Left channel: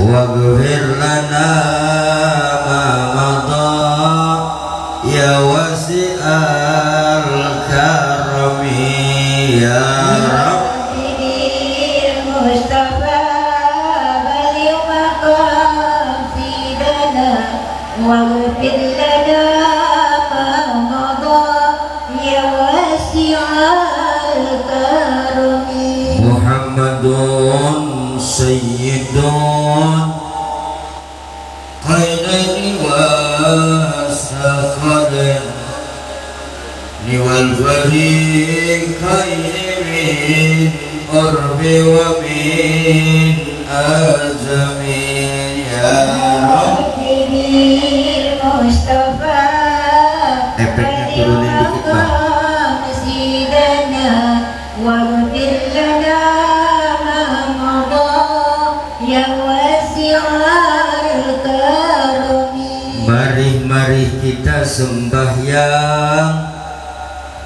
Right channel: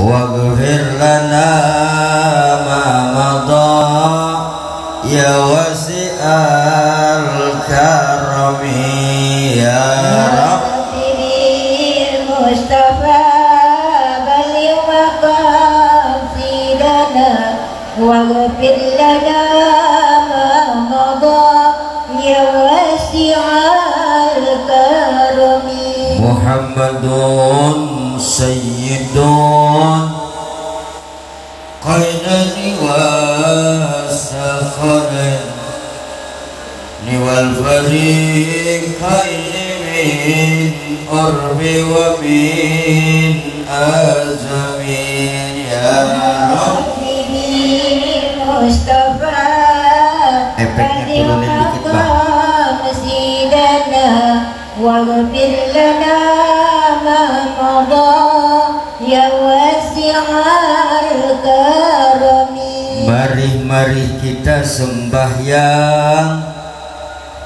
waghfir lana ma madha ya wasi'al karami ya Rabbil Mustafa baligh maqasidana waghfir lana ma madha ya wasi'al karami Muhammadun sayyidun qaidani wa sakhadin niwal fariqaini min qurbi wa min azamin ya Rabbil Mustafa efeknya turunin dikit bang masjidana waghfir lana ma madha ya wasi'al karami. Mari kita sembahyang,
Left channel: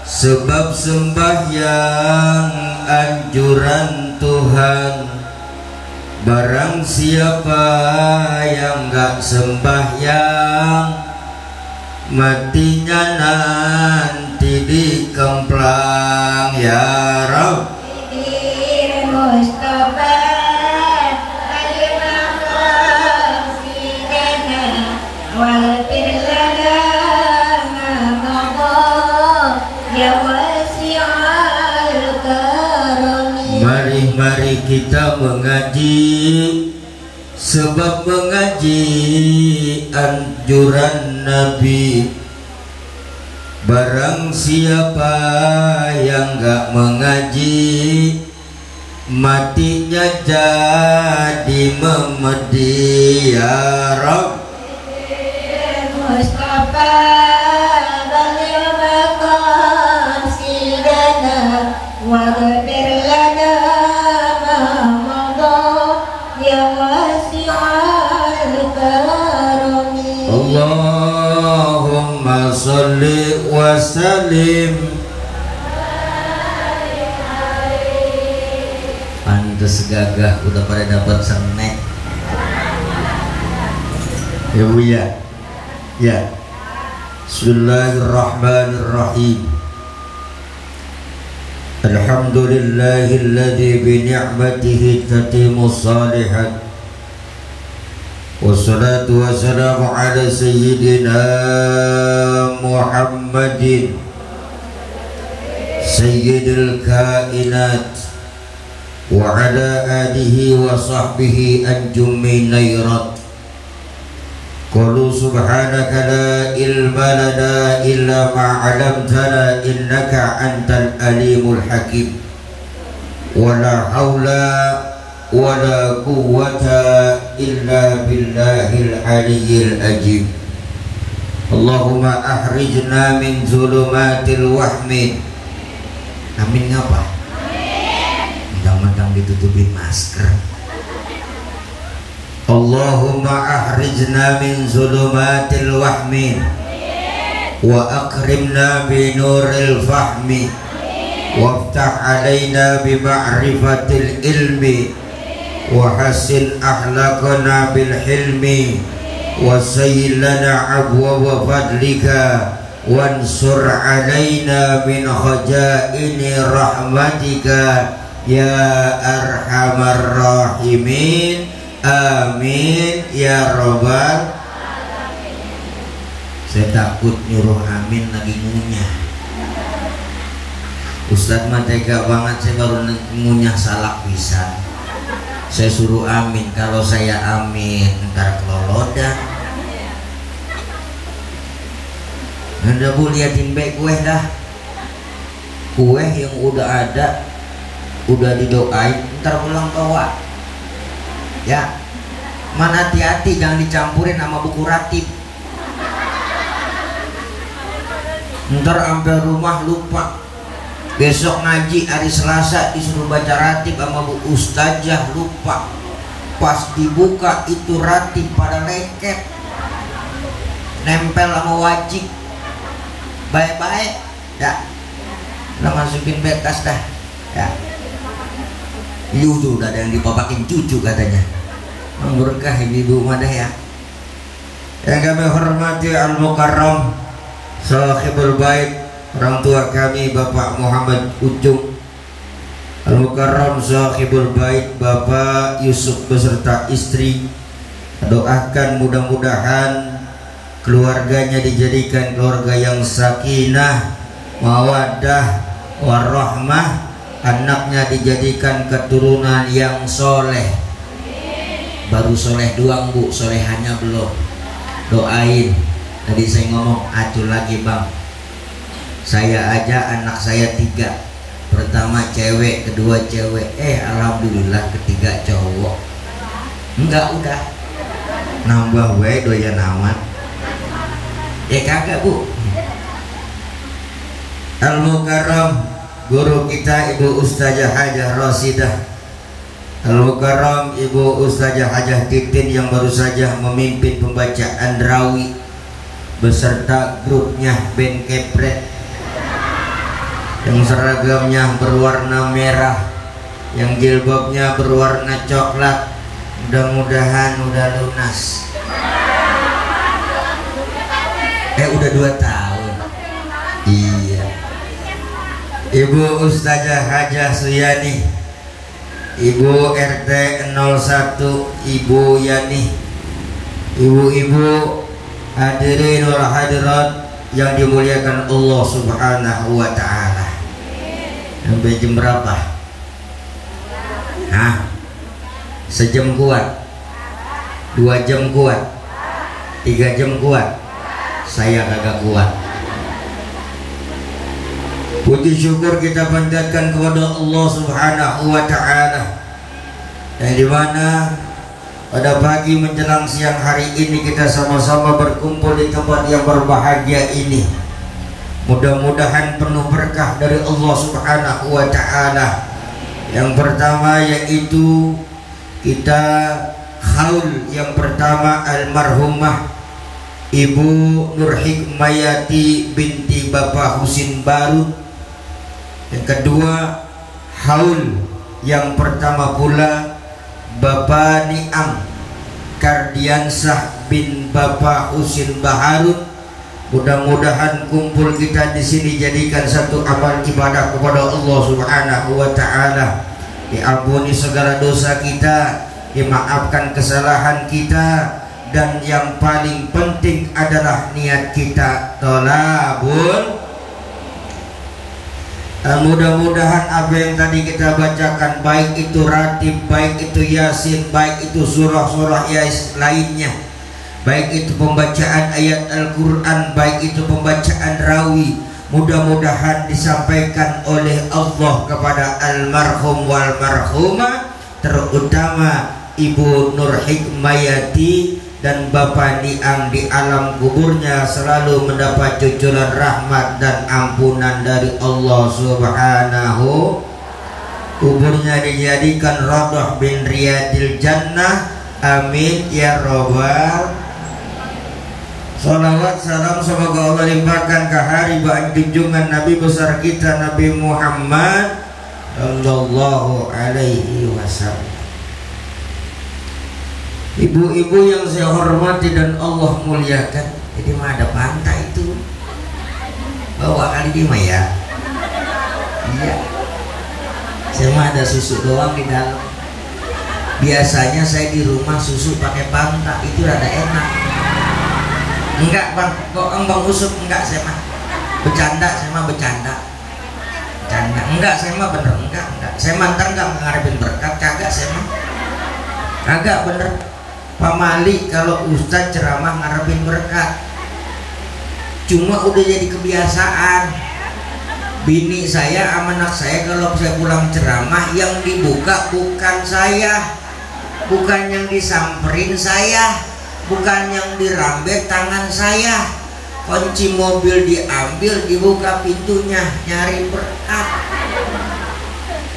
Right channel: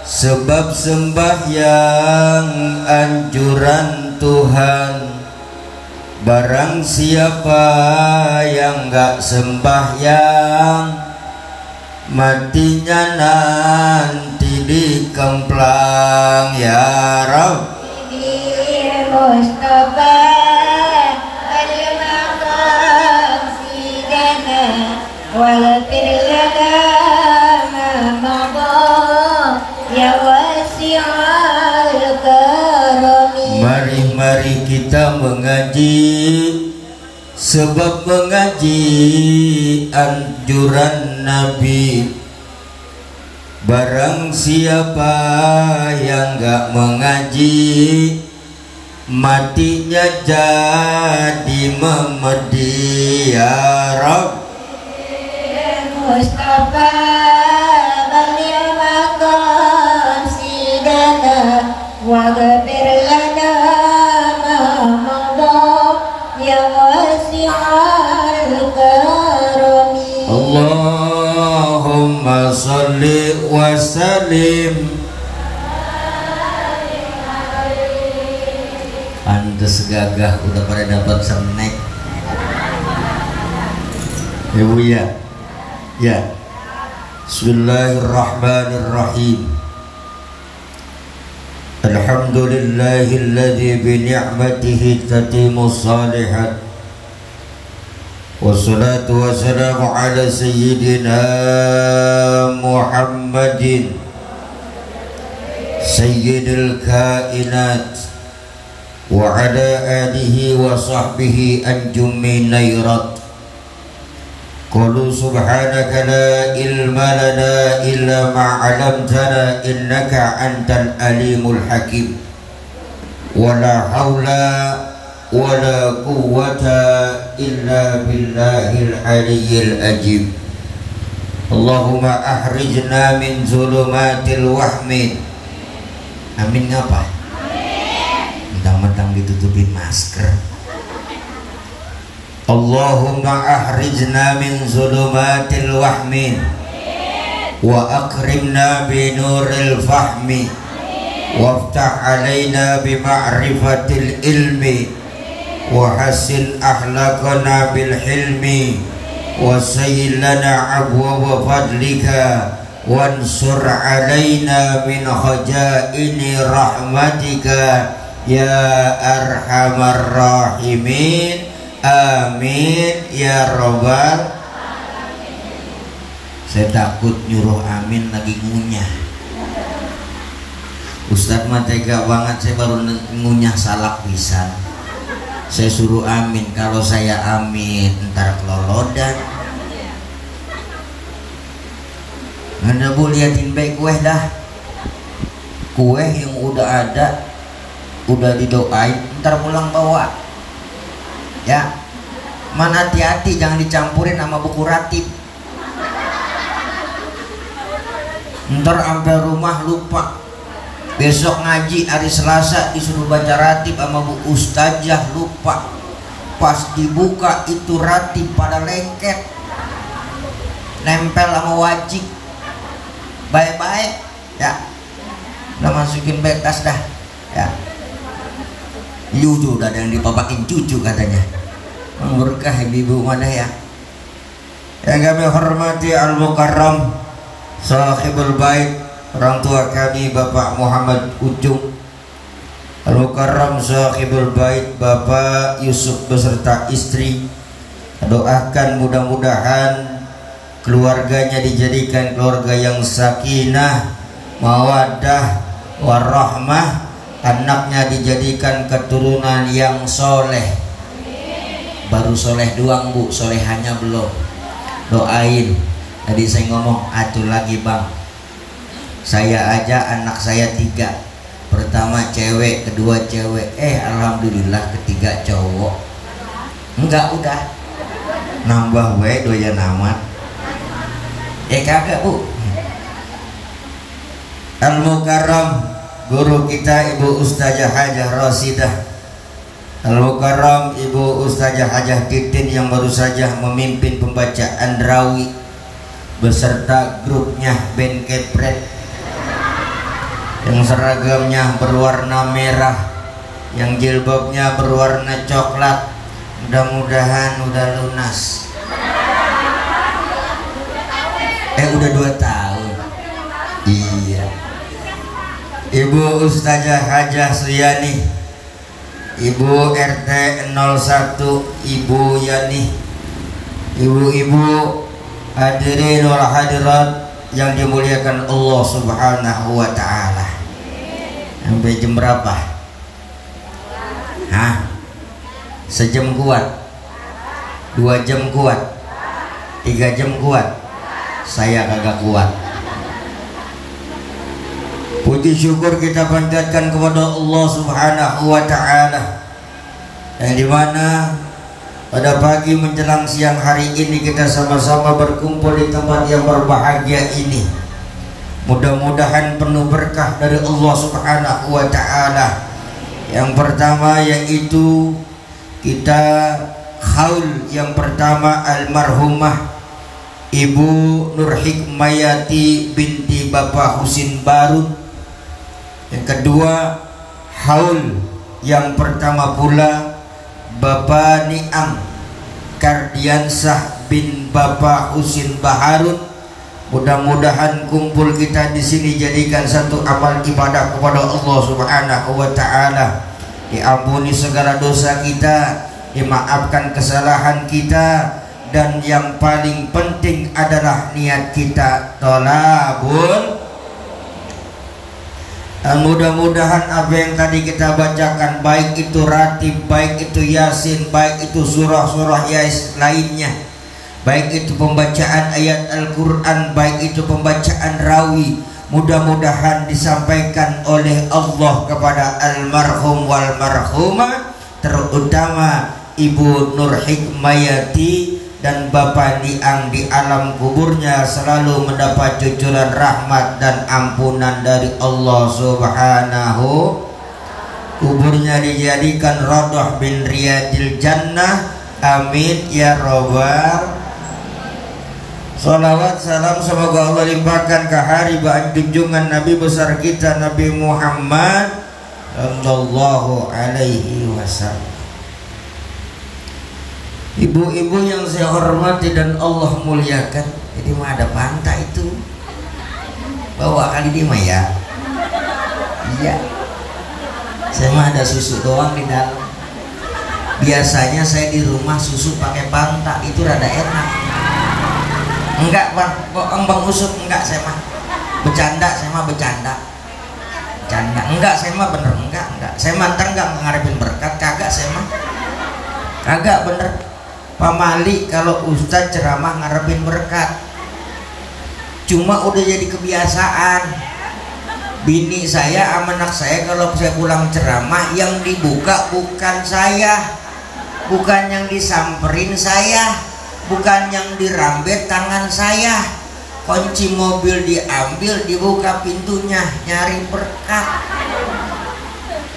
sebab sembahyang anjuran Tuhan. Barang siapa yang gak sembahyang, matinya nanti dikemplang ya Rabb. Mustafa al-maqasidana waghfir lana ma madha ya wasi'al karami. Mari kita mengaji, sebab mengaji anjuran Nabi. Barang siapa yang gak mengaji, matinya jadi memedi ya Rabb. Mustafa baligh maqasidana waghfir lana ma madha ya wasi'al karami. Allahumma sholli wa sallim. Pantes gagah udah pada dapat snack ya Bu ya. Ya, Bismillahirrahmanirrahim. Alhamdulillahilladzi bi ni'matihi tatimmus shalihat. Wassalatu wassalamu ala sayyidina Muhammadin sayyidil kainat wa ala alihi wa sahbihi anjumi nairat. Qalu subhanaka la ilma lana illa ma 'allamtana innaka antal alimul hakim. Wala haula wala quwwata illa billahil aliyyil ajib. Allahumma ahrijna min zulumatil wahmi. Amin ngapa? Mentang-mentang ditutupin masker. Allahumma ahrijna min zulumatil wahmi wa akrimna bi nuril fahmi waftah alaina bi ma'rifatil ilmi wa hasin akhlaqana bil hilmi wa sayyil lana abwaaba fadlika wansur alaina min khajaini rahmatika ya arhamar rahimin. Amin ya robbal. Saya takut nyuruh amin lagi ngunyah. Ustadz mah tega banget, saya baru ngunyah salak pisan. Saya suruh amin, kalau saya amin ntar kelolodan. Anda bu liatin baik kue dah. Kue yang udah ada, udah didoain, ntar pulang bawa. Ya, man hati-hati jangan dicampurin sama buku ratib. Ntar sampai rumah lupa. Besok ngaji hari Selasa disuruh baca ratib sama bu ustazah lupa. Pas dibuka itu ratib pada lengket, nempel sama wajib. Baik-baik ya, udah masukin bekas dah ya. Yudu udah ada yang dipapakin cucu katanya. Berkah ibu mana ya. Yang kami hormati Al-Mukarram Sahibul Bait, orang tua kami Bapak Muhammad Ujung, Al-Mukarram Sahibul Bait Bapak Yusuf beserta istri. Doakan mudah-mudahan keluarganya dijadikan keluarga yang sakinah, mawaddah, warahmah. Anaknya dijadikan keturunan yang soleh. Baru soleh doang bu, solehannya belum. Doain. Tadi saya ngomong, atur lagi bang. Saya aja anak saya 3. Pertama cewek, kedua cewek. Alhamdulillah ketiga cowok. Enggak udah. Nambah we doyan amat. Kagak bu. Al-Mukarram guru kita Ibu Ustazah Hajah Rasidah, Al-Mukarram Ibu Ustazah Hajah Titin yang baru saja memimpin pembacaan Rawi beserta grupnya band Kepret yang seragamnya berwarna merah, yang jilbabnya berwarna coklat. Mudah-mudahan udah lunas. Udah 2 tahun. Iya. Ibu Ustazah Hajah Suyani, Ibu RT 01 Ibu Yani, ibu-ibu hadirin wal hadirat yang dimuliakan Allah Subhanahu wa taala. Sampai jam berapa? Sejam kuat? 2 jam kuat? 3 jam kuat? Saya kagak kuat. Puji syukur kita panjatkan kepada Allah Subhanahu wa taala, yang dimana pada pagi menjelang siang hari ini kita sama-sama berkumpul di tempat yang berbahagia ini. Mudah-mudahan penuh berkah dari Allah Subhanahu wa taala. Yang pertama yaitu kita haul yang pertama almarhumah Ibu Nur Hikmayati binti Bapak Husin Barud. Yang kedua haul yang pertama pula Bapak Niam Kardiansah bin Bapak Husin Baharud. Mudah-mudahan kumpul kita di sini jadikan satu amal ibadah kepada Allah Subhanahu wa taala. Diampuni segala dosa kita, dimaafkan kesalahan kita, dan yang paling penting adalah niat kita tolabul. Mudah-mudahan apa yang tadi kita bacakan, baik itu ratib, baik itu yasin, baik itu surah-surah lainnya, baik itu pembacaan ayat Al-Quran, baik itu pembacaan rawi, mudah-mudahan disampaikan oleh Allah kepada almarhum wal marhumah, terutama Ibu Nur Hikmayati dan Bapak Niam di alam kuburnya selalu mendapat cucuran rahmat dan ampunan dari Allah Subhanahu. Kuburnya dijadikan Radhah bin Riyadil Jannah. Amin ya robbal. Salawat salam semoga Allah limpahkan ke hari junjungan Nabi besar kita Nabi Muhammad sallallahu alaihi wasallam. Ibu-ibu yang saya hormati dan Allah muliakan, jadi mah ada pantai itu bawa kali di mah ya. Iya, saya mah ada susu doang di dalam. Biasanya saya di rumah susu pakai pantai, itu rada enak. Enggak bang, kok bang usut enggak, saya mah bercanda, saya mah bercanda. Enggak, saya mah bener enggak. Saya mantan enggak mengharapin berkat, kagak saya mah. Kagak bener. Pak Mali kalau Ustadz ceramah ngarepin berkat, cuma udah jadi kebiasaan. Bini saya sama anak saya kalau saya pulang ceramah yang dibuka bukan saya, bukan yang disamperin saya, bukan yang dirambet tangan saya. Kunci mobil diambil, dibuka pintunya, nyari berkat.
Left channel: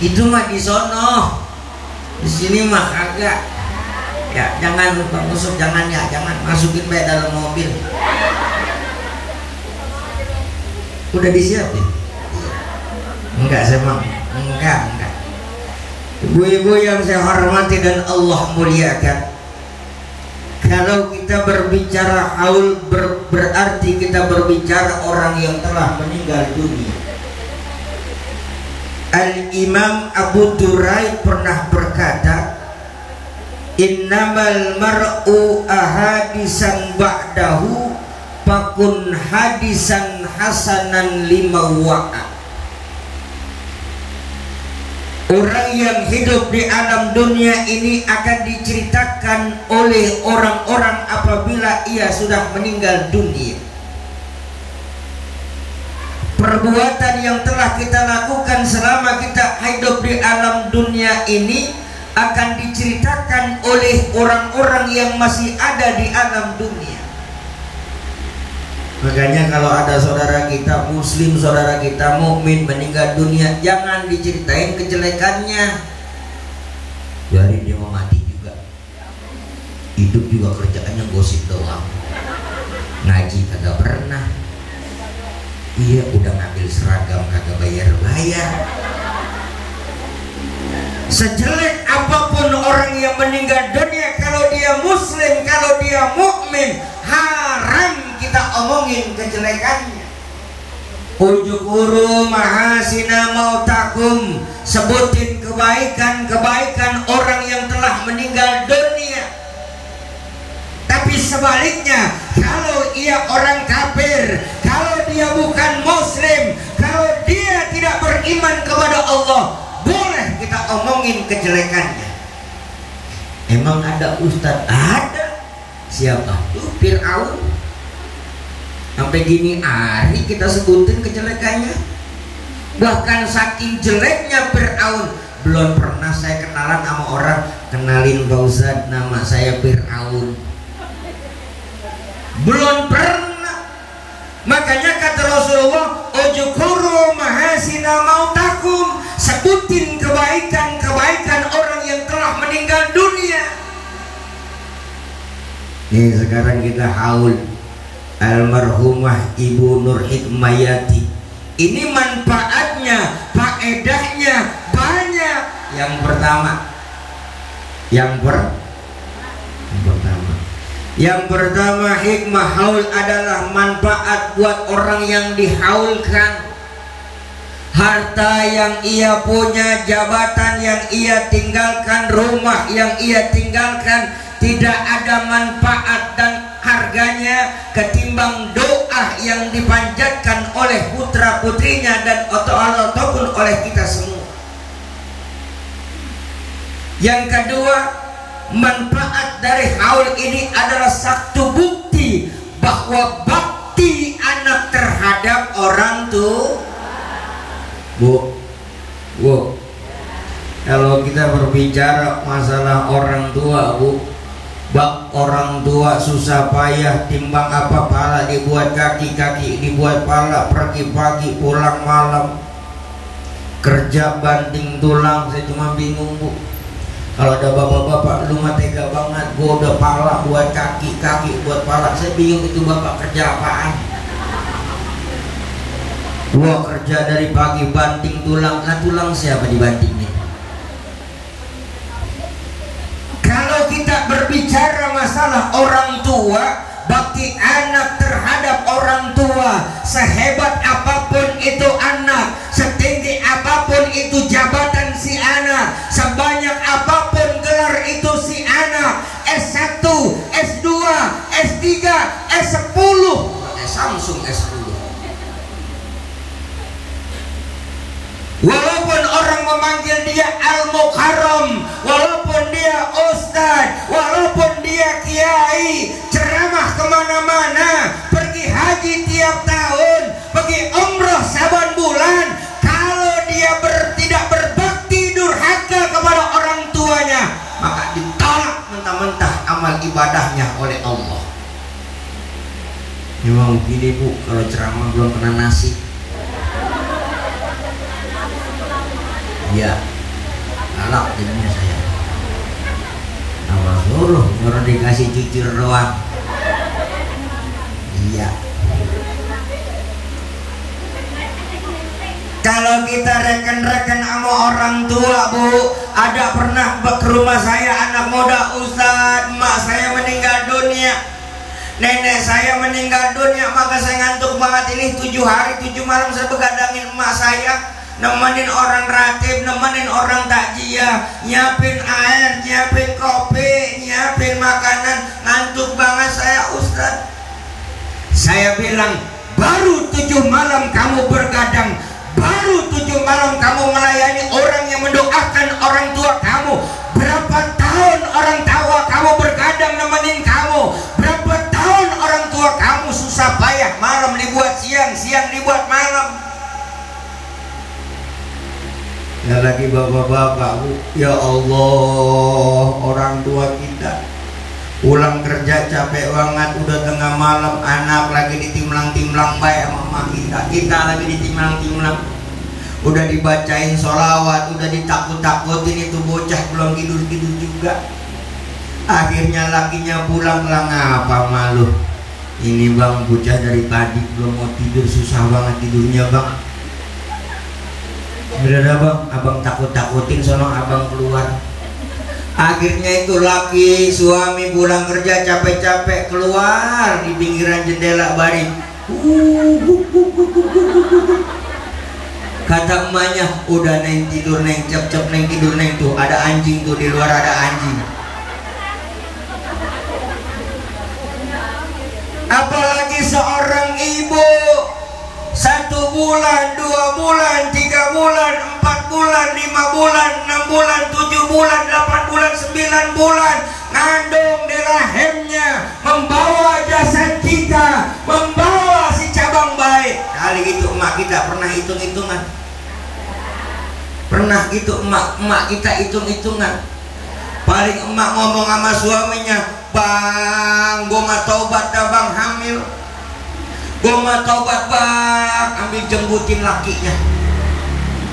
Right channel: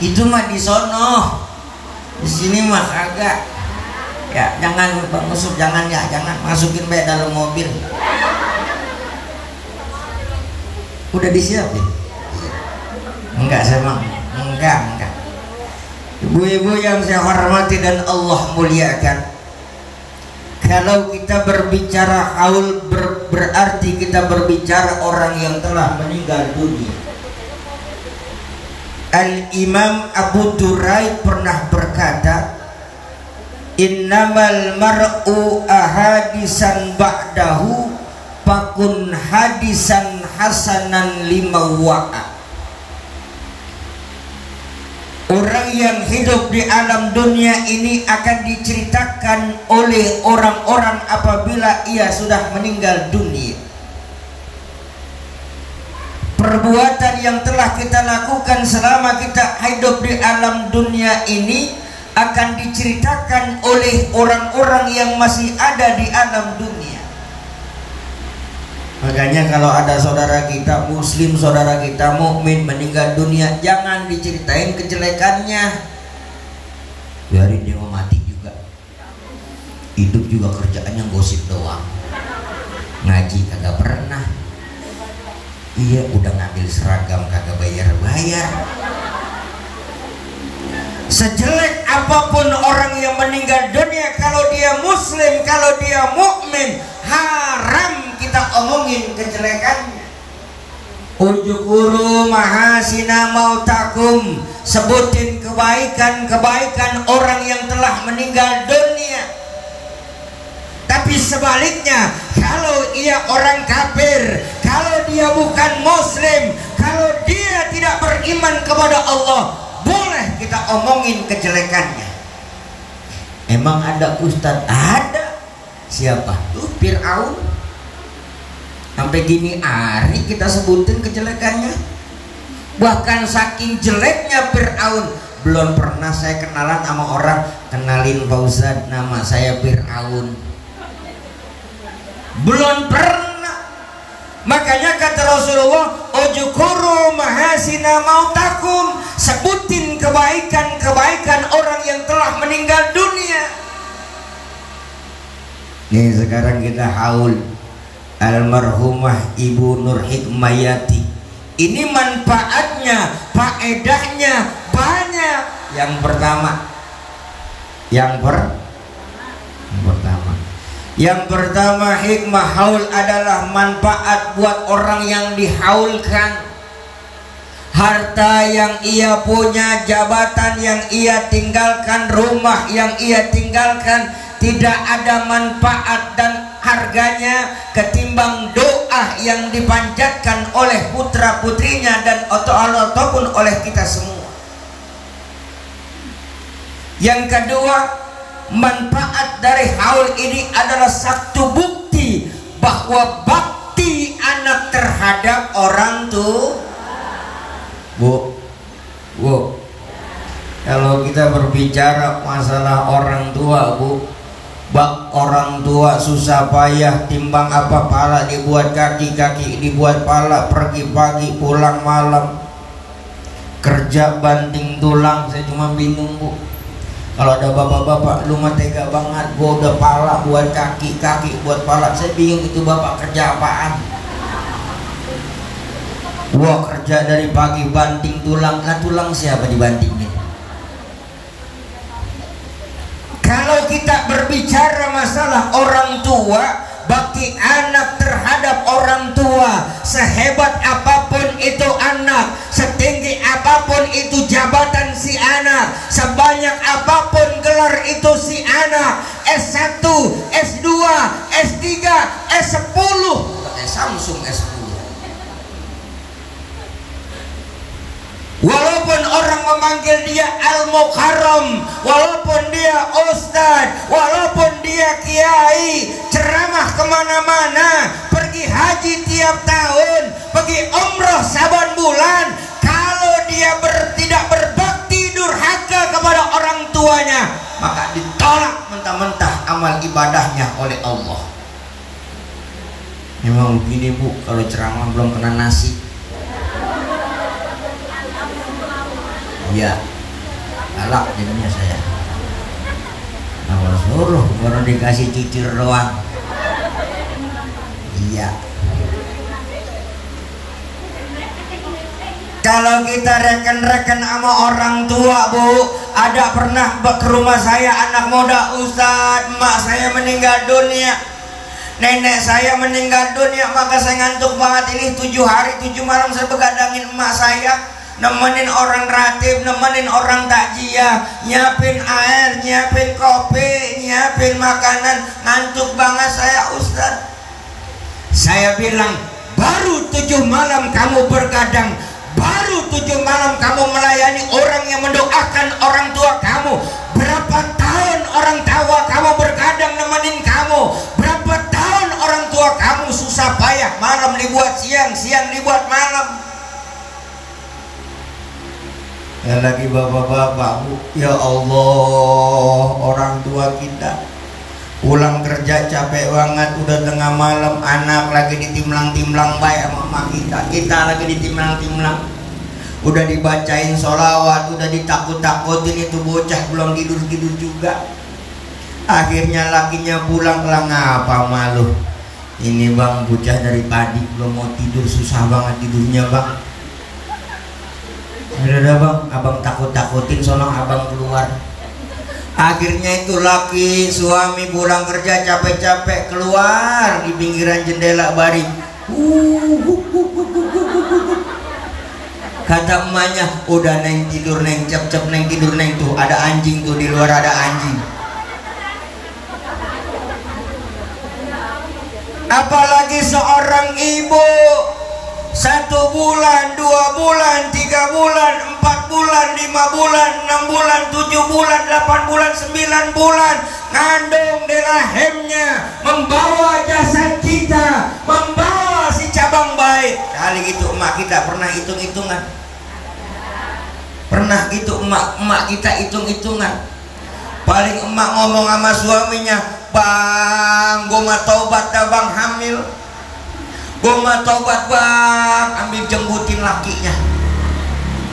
Itu mah di sono, di sini mah kagak. Ya, jangan masuk, jangan masukin baik dalam mobil. Udah disiapin? Enggak, saya mau. Enggak. Ibu-ibu yang saya hormati dan Allah muliakan, kalau kita berbicara haul berarti kita berbicara orang yang telah meninggal dunia. Al-Imam Abu Duraid pernah berkata, innamal mar'u ahadisan ba'dahu fakun hadisan hasanan lima wa'a. Orang yang hidup di alam dunia ini akan diceritakan oleh orang-orang apabila ia sudah meninggal dunia. Perbuatan yang telah kita lakukan selama kita hidup di alam dunia ini akan diceritakan oleh orang-orang yang masih ada di alam dunia. Makanya kalau ada saudara kita muslim, saudara kita mukmin meninggal dunia, jangan diceritain kejelekannya. Biarin dia mau mati juga. Hidup juga kerjaannya gosip doang. Ngaji kagak pernah. Iya, udah ngambil seragam kagak bayar-bayar. Sejelek apapun orang yang meninggal dunia, kalau dia muslim, kalau dia mukmin, haram kita omongin kejelekannya. Ujukuru mahasina mautakum, sebutin kebaikan-kebaikan orang yang telah meninggal dunia. Tapi sebaliknya, kalau ia orang kafir, kalau dia bukan muslim, kalau dia tidak beriman kepada Allah, boleh kita omongin kejelekannya. Emang ada ustadz? Ada. Siapa? Tuh Fir'aun. Sampai gini hari kita sebutin kejelekannya. Bahkan saking jeleknya Fir'aun, belum pernah saya kenalan sama orang, kenalin Pak Ustadz, nama saya Fir'aun. Belum pernah. Makanya kata Rasulullah, ujukuru mahasina mautakum, sebutin kebaikan-kebaikan orang yang telah meninggal dunia. Nih sekarang kita haul almarhumah Ibu Nur Hikmayati. Ini manfaatnya, faedahnya banyak. Yang pertama hikmah haul adalah manfaat buat orang yang dihaulkan. Harta yang ia punya, jabatan yang ia tinggalkan, rumah yang ia tinggalkan, tidak ada manfaat dan harganya ketimbang doa yang dipanjatkan oleh putra putrinya dan ataupun oleh kita semua. Yang kedua, manfaat dari haul ini adalah satu bukti bahwa bakti anak terhadap orang tua. Bu, kalau kita berbicara masalah orang tua, Bu, bak orang tua susah payah, timbang apa pala dibuat kaki, kaki dibuat pala, pergi pagi pulang malam, kerja banting tulang. Saya cuma bingung, Bu, kalau ada bapak-bapak, lu mah tega banget, gua udah pala buat kaki, kaki buat pala. Saya bingung itu bapak kerja apaan. Gua kerja dari pagi banting tulang. Nah, tulang siapa dibantingnya? Kalau kita berbicara masalah orang tua, bakti anak terhadap orang tua, sehebat apapun itu anak, setinggi apapun itu jabatan si anak, sebanyak apapun gelar itu si anak, S1, S2, S3, S10, Samsung S10. Walaupun orang memanggil dia Al-Mukarram, walaupun dia Ustadz, walaupun dia Kiai, ceramah kemana-mana, pergi haji tiap tahun, pergi umroh saban bulan, kalau dia tidak berbakti durhaka kepada orang tuanya, maka ditolak mentah-mentah amal ibadahnya oleh Allah. Memang begini, Bu, kalau ceramah belum kena nasi. Iya, galak jadinya saya. Suruh baru dikasih cicir doang. Iya. Kalau kita reken-reken sama orang tua, Bu, Ada pernah ke rumah saya anak muda, Ustadz, emak saya meninggal dunia, nenek saya meninggal dunia, maka saya ngantuk banget ini 7 hari 7 malam saya begadangin emak saya, nemenin orang ratib, nemenin orang takjiah, nyiapin air, nyiapin kopi, nyiapin makanan, ngantuk banget saya, Ustadz. Saya bilang, baru 7 malam kamu bergadang, baru 7 malam kamu melayani orang yang mendoakan orang tua kamu. Berapa tahun orang tua kamu bergadang nemenin kamu? Berapa tahun orang tua kamu susah payah, malam dibuat siang, siang dibuat malam. Ya lagi bapak-bapak, Bu, ya Allah, orang tua kita pulang kerja capek banget, udah tengah malam, anak lagi ditimlang-timlang baik sama mama kita lagi ditimlang-timlang, udah dibacain sholawat, udah ditakut-takutin, itu bocah belum tidur-tidur juga. Akhirnya lakinya pulang, ngapa malu? Ini bang, bocah dari pagi belum mau tidur, susah banget tidurnya bang. Udah bang, abang takut-takutin, sono abang keluar. Akhirnya itu laki suami pulang kerja capek-capek keluar di pinggiran jendela baring. Kata emaknya, udah neng tidur neng, cep-cep neng tidur neng, tuh ada anjing tuh di luar, ada anjing. Apalagi seorang ibu 1 bulan, 2 bulan, 3 bulan, 4 bulan, 5 bulan, 6 bulan, 7 bulan, 8 bulan, 9 bulan ngandung di rahimnya, membawa jasad kita, membawa si cabang bayi. Kali itu emak kita pernah hitung-hitungan, pernah itu emak kita hitung-hitungan. Paling emak ngomong sama suaminya, bang, gua mah taubat dah bang, hamil. Gua mah taubat bang, ambil jembutin lakinya.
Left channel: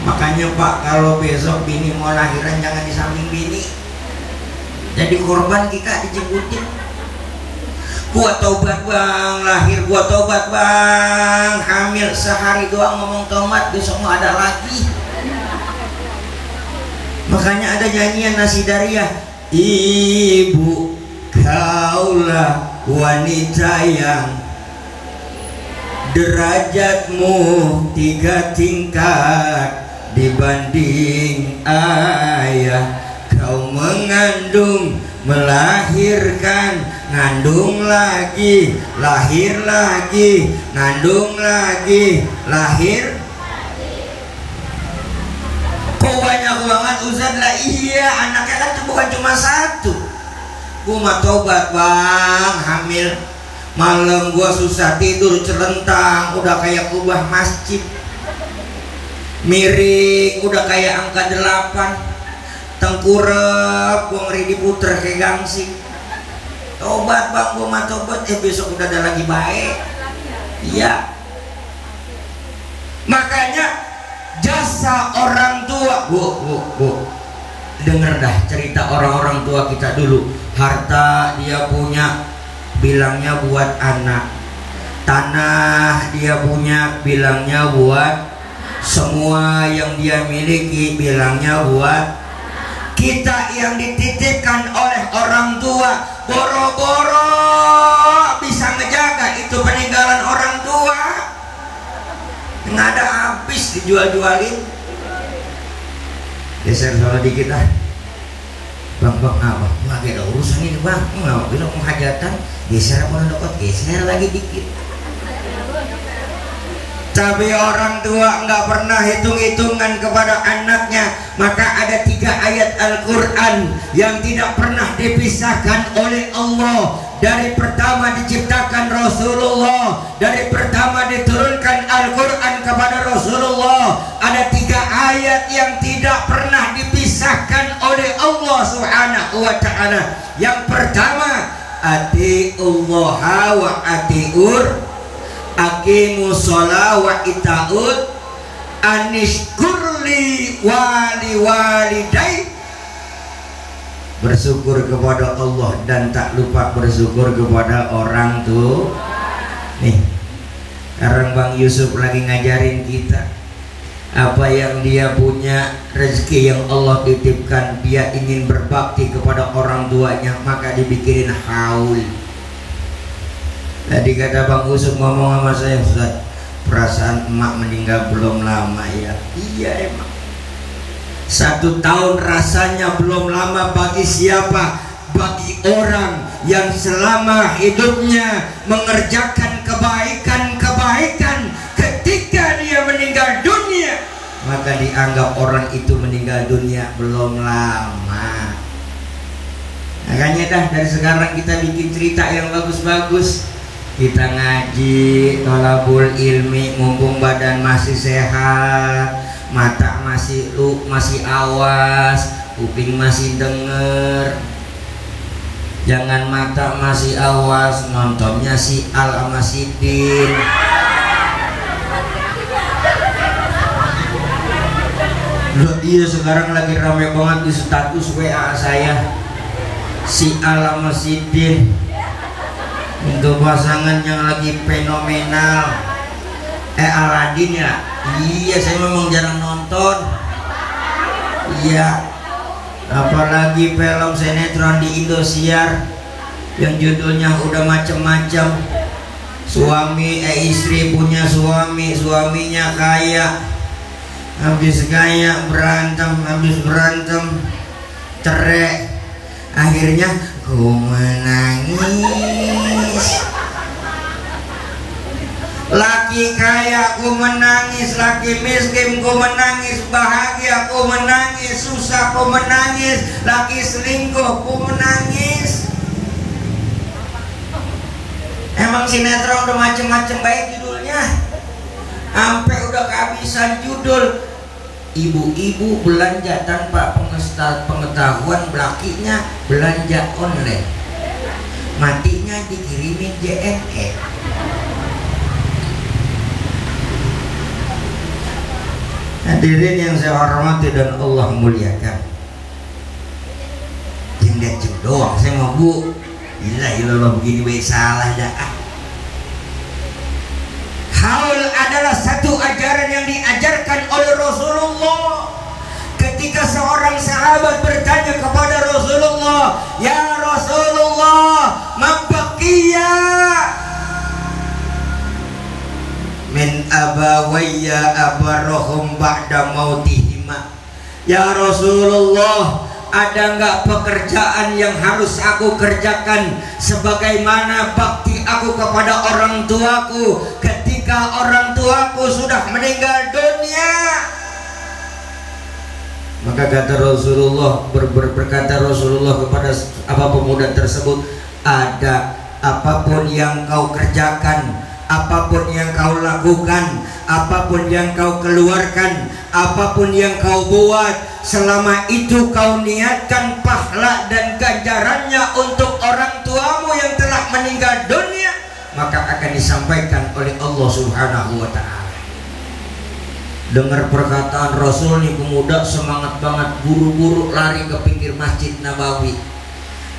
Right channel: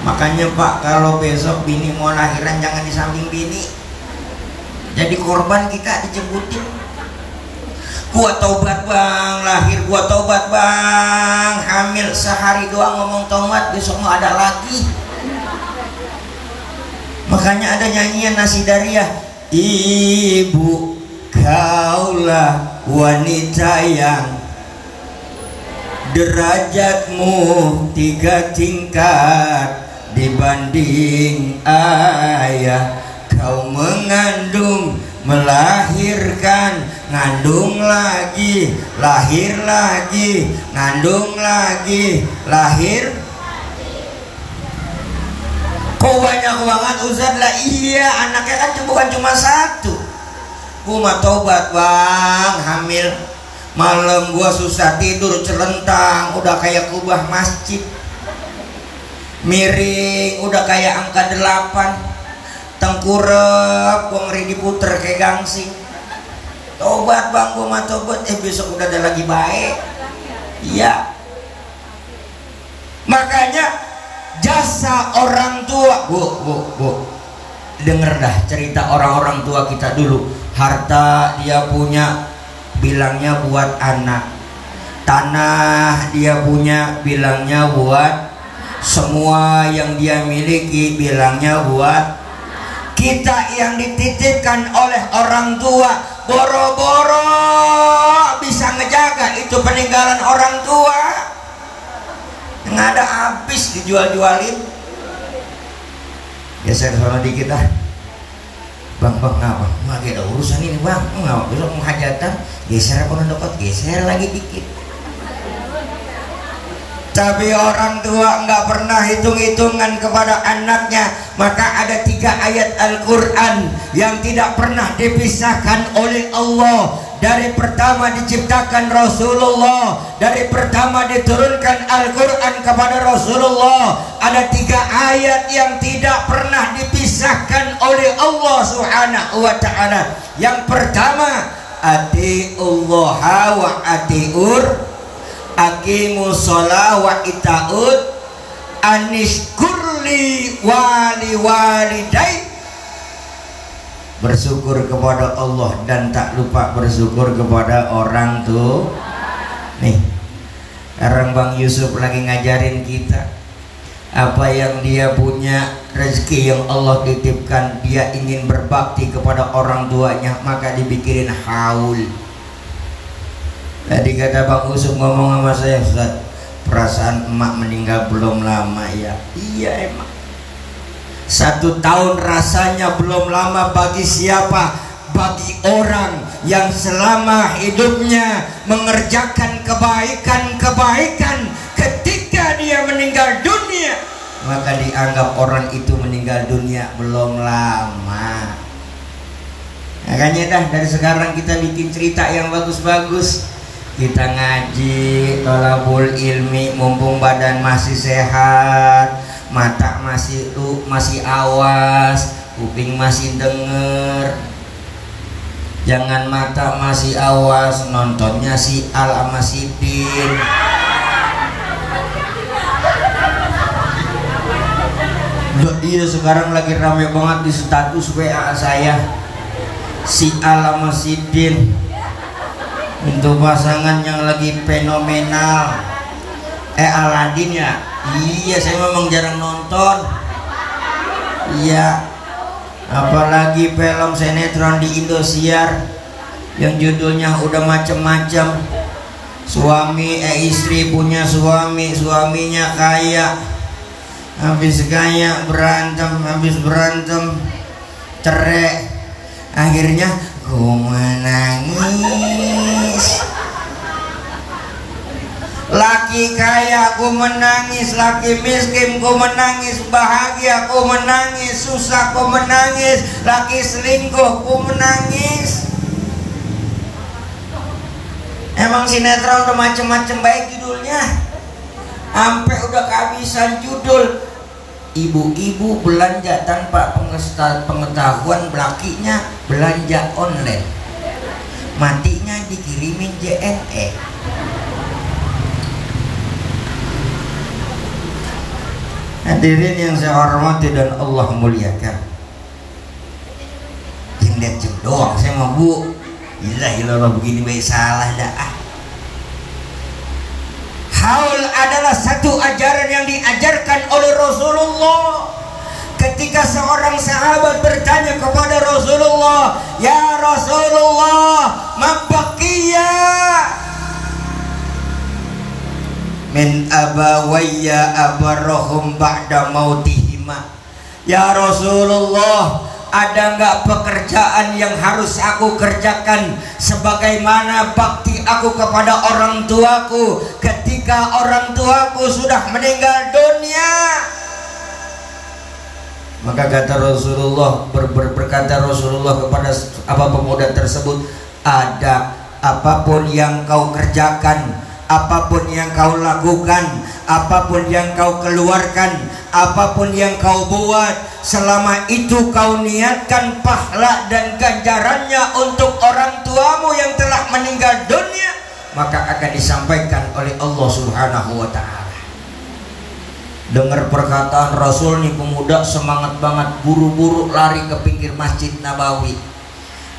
Makanya Pak, kalau besok bini mau lahiran jangan di samping bini, jadi korban kita dijembutin. Gua taubat bang, lahir, gua taubat bang, hamil, sehari doang ngomong taubat, besok mau ada lagi. Makanya ada nyanyian Nasidariah, ibu kaulah wanita yang derajatmu 3 tingkat dibanding ayah. Kau mengandung, melahirkan, ngandung lagi, lahir lagi, ngandung lagi, lahir. Kok banyak banget Ustaz? Lah iya, anaknya kan bukan cuma 1. Gua mah tobat bang, hamil. Malam gua susah tidur, celentang, udah kayak kubah masjid. Miring, udah kayak angka 8. Tengkurep, gua ngeri diputer kayak gangsing. Tobat bang, gua mah tobat. Besok udah ada lagi baik. Iya. Makanya jasa orang tua, bu, denger dah cerita orang-orang tua kita dulu. Harta dia punya, bilangnya buat anak. Tanah dia punya, bilangnya buat. Semua yang dia miliki, bilangnya buat. Kita yang dititipkan oleh orang tua, boro-boro bisa ngejaga itu peninggalan orang tua, nggak ada habis, dijual-jualin. Geser sama dikit ah. Bang, apa? Nggak ada urusan ini bang, nggak bisa menghajatan. Geser apa dekat, geser lagi dikit. Tapi orang tua nggak pernah hitung-hitungan kepada anaknya. Maka ada 3 ayat Al-Quran yang tidak pernah dipisahkan oleh Allah. Dari pertama diciptakan Rasulullah, dari pertama diturunkan Al-Quran kepada Rasulullah, ada 3 ayat yang tidak pernah dipisahkan oleh Allah Subhanahu wa ta'ala. Yang pertama, ati'ullaha wa ati'ur, aqimu sholah wa ita'ud, anishkurli wali walidai, bersyukur kepada Allah dan tak lupa bersyukur kepada orang tua. Nih, sekarang Bang Yusuf lagi ngajarin kita. apa yang dia punya, rezeki yang Allah titipkan, dia ingin berbakti kepada orang tuanya, maka dibikinin haul. Tadi kata Bang Usuk ngomong sama saya, Ustaz, perasaan emak meninggal belum lama ya. Iya emang 1 tahun rasanya belum lama bagi siapa? Bagi orang yang selama hidupnya mengerjakan kebaikan-kebaikan, ketika dia meninggal dunia maka dianggap orang itu meninggal dunia belum lama. Makanya dah dari sekarang kita bikin cerita yang bagus-bagus. Kita ngaji, thalabul ilmi, mumpung badan masih sehat, mata masih awas, kuping masih denger. Jangan mata masih awas, nontonnya si Al sama si Din. Loh, iya sekarang lagi rame banget di status WA saya, si Al sama si Din. Untuk pasangan yang lagi fenomenal. Aladin ya? Iya, saya memang jarang nonton. Iya. Apalagi film sinetron di Indosiar yang judulnya udah macem-macem. Istri punya suami, suaminya kaya. Habis kaya habis berantem cerai. Akhirnya ku menangis. Laki kaya ku menangis, laki miskin ku menangis, bahagia ku menangis, susah ku menangis, laki selingkuh ku menangis. Emang sinetron udah macem-macem baik judulnya, sampai udah kehabisan judul. Ibu-ibu belanja tanpa pengetahuan, lakinya belanja online, matinya dikirimin JNE. Hadirin yang saya hormati dan Allah muliakan, yang lihat doang saya mau bu, ilah begini baik salah dah. Haul adalah satu ajaran yang diajarkan oleh Rasulullah. Ketika seorang sahabat bertanya kepada Rasulullah, ya Rasulullah, mabaqiyya min abawayya abarrohum ba'da mautihima. Ya Rasulullah, ada nggak pekerjaan yang harus aku kerjakan sebagaimana bakti aku kepada orang tuaku ketika orang tuaku sudah meninggal dunia? Maka kata Rasulullah, berkata Rasulullah kepada apa pemuda tersebut, ada apapun yang kau kerjakan, apapun yang kau lakukan, apapun yang kau keluarkan, apapun yang kau buat, selama itu kau niatkan pahala dan ganjarannya untuk orang tuamu yang telah meninggal dunia, maka akan disampaikan oleh Allah Subhanahu wa ta'ala. Dengar perkataan Rasul nih, pemuda semangat banget, buru-buru lari ke pinggir Masjid Nabawi.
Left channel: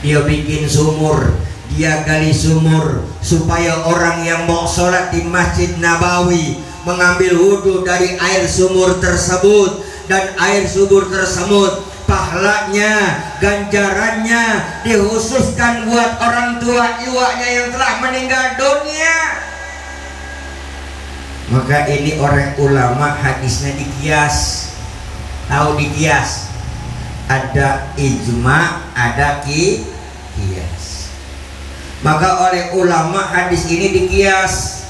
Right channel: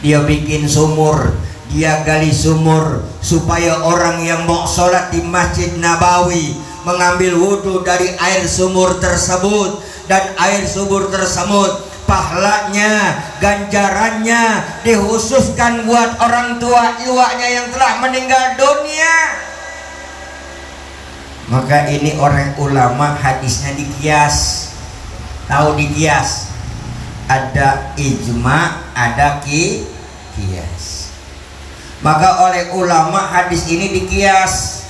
Dia bikin sumur, dia gali sumur supaya orang yang mau sholat di Masjid Nabawi mengambil wudhu dari air sumur tersebut, dan air sumur tersebut pahalanya, ganjarannya dikhususkan buat orang tua iwaknya yang telah meninggal dunia. Maka ini orang ulama hadisnya dikias. Tahu dikias? Ada ijma, ada kias. Maka oleh ulama hadis ini dikias.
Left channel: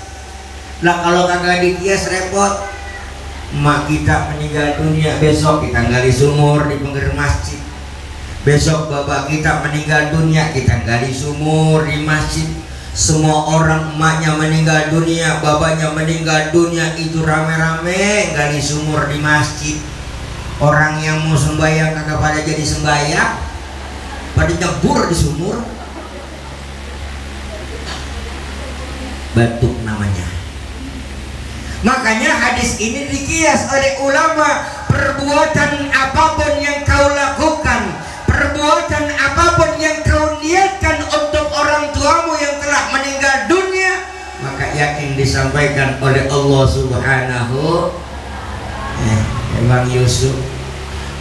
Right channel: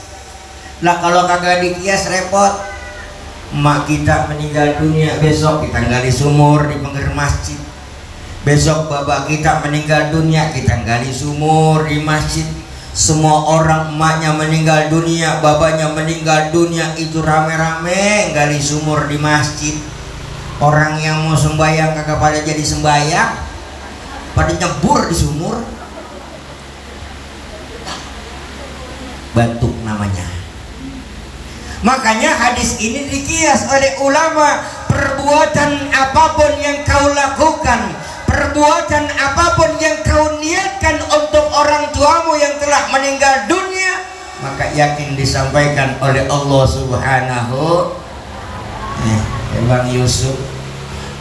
Lah kalau kagak dikias repot. Emak kita meninggal dunia, besok kita gali sumur di pinggir masjid. Besok bapak kita meninggal dunia, kita gali sumur di masjid. Semua orang emaknya meninggal dunia, bapaknya meninggal dunia, itu rame-rame gali sumur di masjid. Orang yang mau sembahyang kagak pada jadi sembahyang, pada nyebur di sumur. Batuk namanya. Makanya hadis ini dikias oleh ulama. Perbuatan apapun yang kau lakukan, perbuatan apapun yang kau niatkan untuk orang tuamu yang telah meninggal dunia, maka yakin disampaikan oleh Allah Subhanahu. Bang Yusuf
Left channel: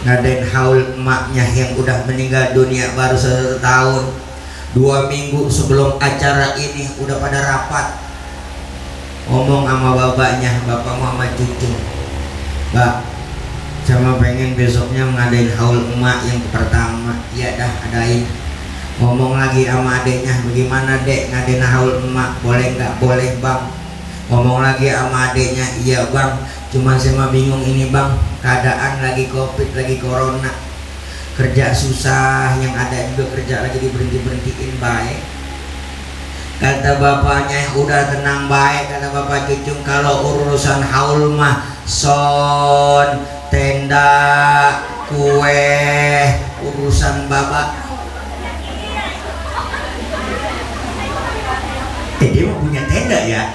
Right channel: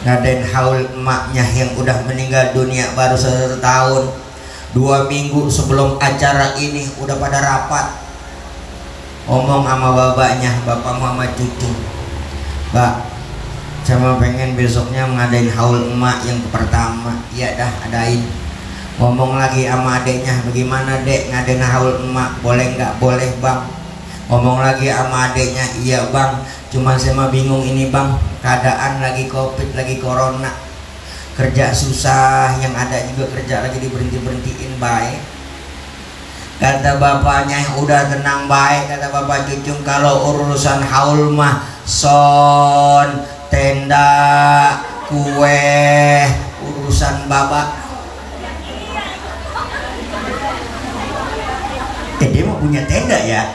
ngadain haul emaknya yang udah meninggal dunia baru 1 tahun. 2 minggu sebelum acara ini udah pada rapat, ngomong sama bapaknya, bapak Muhammad cucu, Mbak, sama pengen besoknya ngadain haul emak yang pertama. Iya dah, adain. Ngomong lagi sama adeknya, bagaimana dek ngadain haul emak, boleh nggak? Boleh bang. Ngomong lagi sama adeknya, iya bang, cuman saya mah bingung ini bang, keadaan lagi covid, lagi corona, kerja susah, yang ada juga kerja lagi diberhentiin baik. Kata bapaknya, udah tenang baik, kata bapak cucu, kalau urusan haul mah son, tenda, kue, urusan babak. Dia mau punya tenda ya?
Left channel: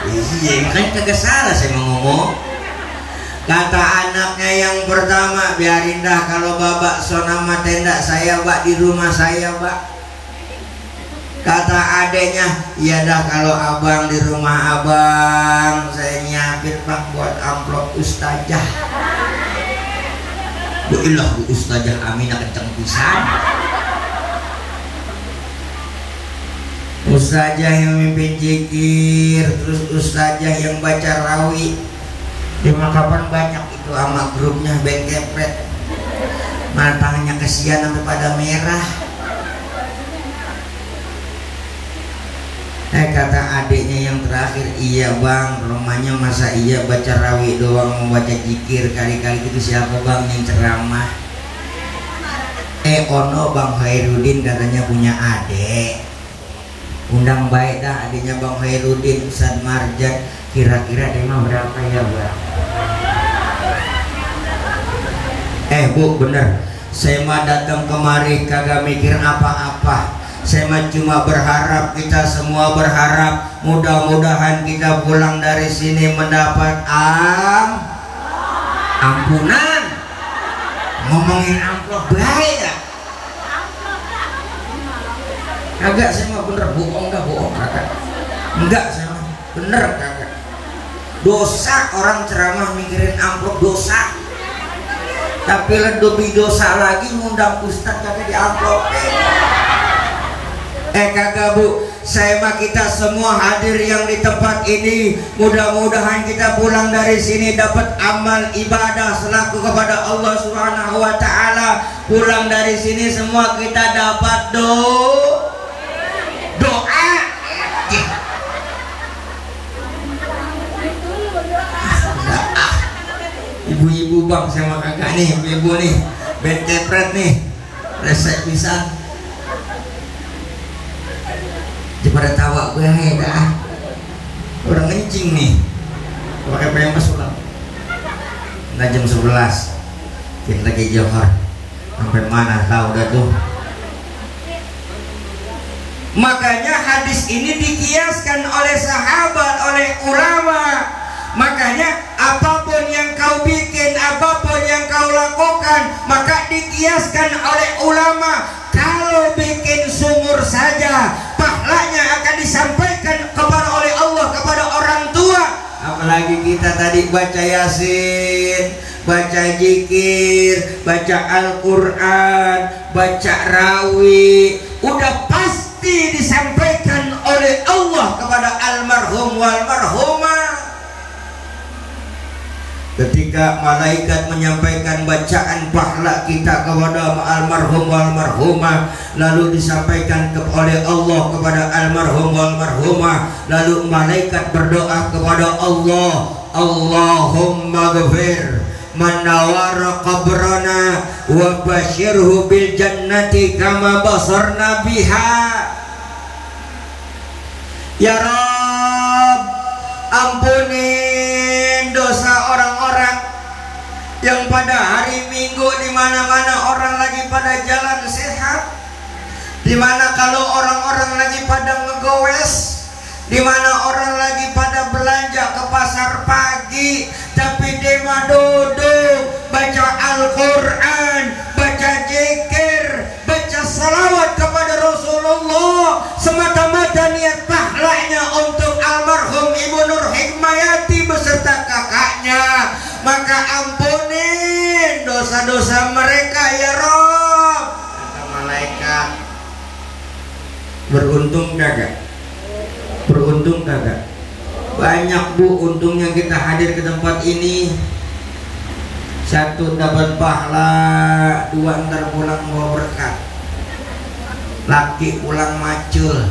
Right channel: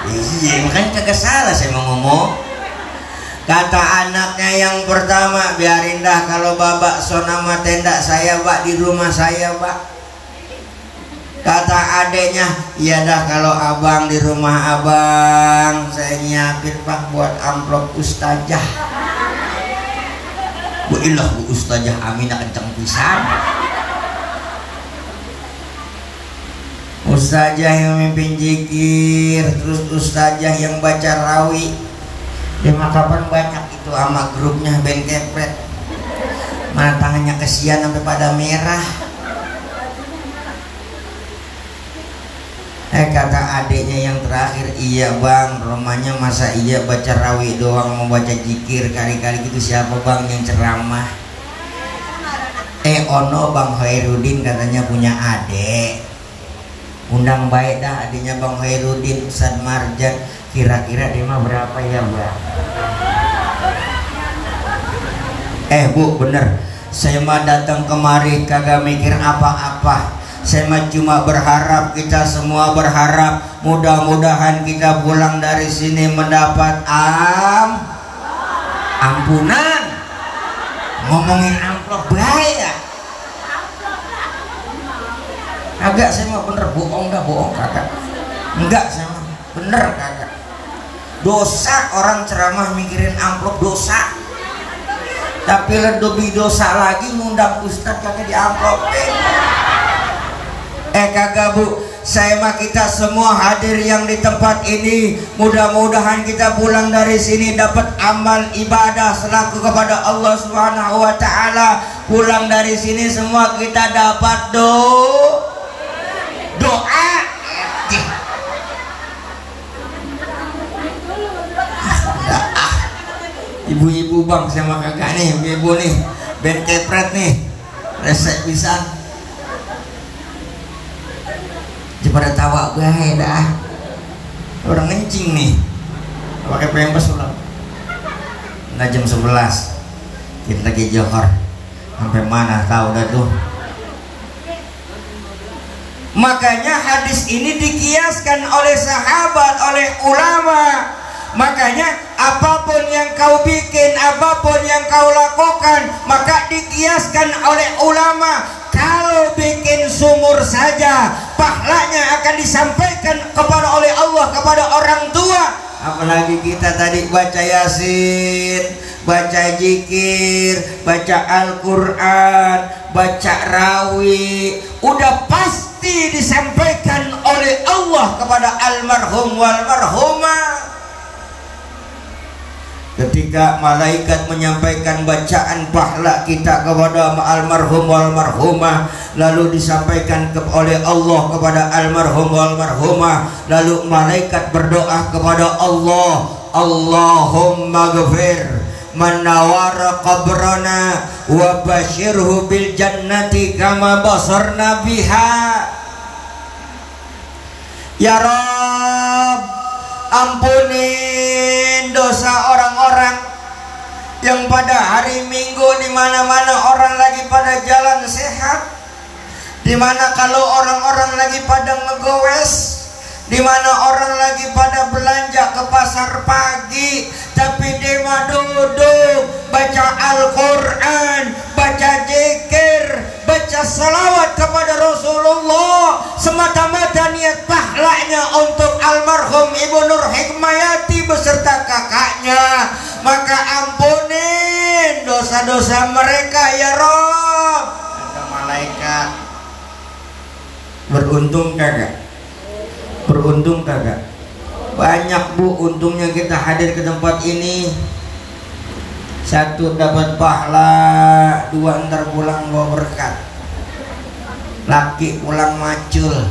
Iya, makanya kagak salah saya mau ngomong. Kata anaknya yang pertama, biarin dah kalau babak sonama tenda saya bak di rumah saya bak. Kata adeknya, iya dah kalau abang di rumah abang saya nyiapin pak buat amplop ustazah. Bu ilah bu ustazah Aminah kenceng pisan. Ustazah yang mimpin zikir, terus ustazah yang baca rawi. Di makapan banyak itu sama grupnya band kepret. Mana tangannya kesian sampai pada merah. Kata adiknya yang terakhir, iya bang, rumahnya masa iya baca rawi doang, membaca zikir kali-kali gitu, siapa bang yang ceramah? Ono Bang Khairuddin katanya punya adik. Undang baik dah adiknya Bang Khairuddin, Ustaz Marjan. Kira-kira dia mah berapa ya bang? Bu bener, saya mah datang kemari kagak mikir apa-apa. Saya mah cuma berharap, kita semua berharap, mudah-mudahan kita pulang dari sini mendapat ampunan. Ngomongin amplop bahaya. Kagak, saya mah bener, bohong dah, bohong kagak. Enggak, saya mah bener kagak. Dosa orang ceramah mikirin amplop, dosa. Tapi lebih dosa lagi ngundang ustaz kagak di amplopin. Kagak bu, saya mah kita semua hadir yang di tempat ini, mudah-mudahan kita pulang dari sini dapat amal ibadah selaku kepada Allah Subhanahu wa taala. Pulang dari sini semua kita dapat doa. Ibu-ibu bang, saya mah kagak nih, ibu nih, band kepret nih, resep pisan. Pada tawa gue dah orang ngencing nih pakai pempes ulang. Nggak jam 11 kita lagi johor sampai mana tahu dah tuh. Makanya hadis ini dikiaskan oleh sahabat, oleh ulama. Makanya apapun yang kau bikin, apapun yang kau lakukan, maka dikiaskan oleh ulama. Kalau bikin sumur saja, pahalanya akan disampaikan kepada oleh Allah kepada orang tua. Apalagi kita tadi baca Yasin, baca zikir, baca Al-Quran, baca rawi, udah pasti disampaikan oleh Allah kepada almarhum wal marhumah. Ketika malaikat menyampaikan bacaan pahala kita kepada almarhum wal marhumah, lalu disampaikan oleh Allah kepada almarhum wal marhumah, lalu malaikat berdoa kepada Allah, Allahumma ghfir man nawara qabrana wa basyirhu bil jannati kama basarna biha. Ya Rabb, ampunin dosa orang-orang yang pada hari Minggu di mana-mana orang lagi pada jalan sehat, di mana kalau orang-orang lagi pada ngegowes, di mana orang lagi pada belanja ke pasar pagi, tapi dia mah duduk baca Al-Quran, baca zikir, baca salawat kepada Rasulullah, semata-mata niat pahalanya untuk almarhum Ibu Nur Hikmayati beserta kakaknya. Maka Beruntung kagak? Beruntung kagak? Banyak bu untungnya kita hadir ke tempat ini. Satu dapat pahala, dua ntar pulang bawa berkat. Laki pulang macul,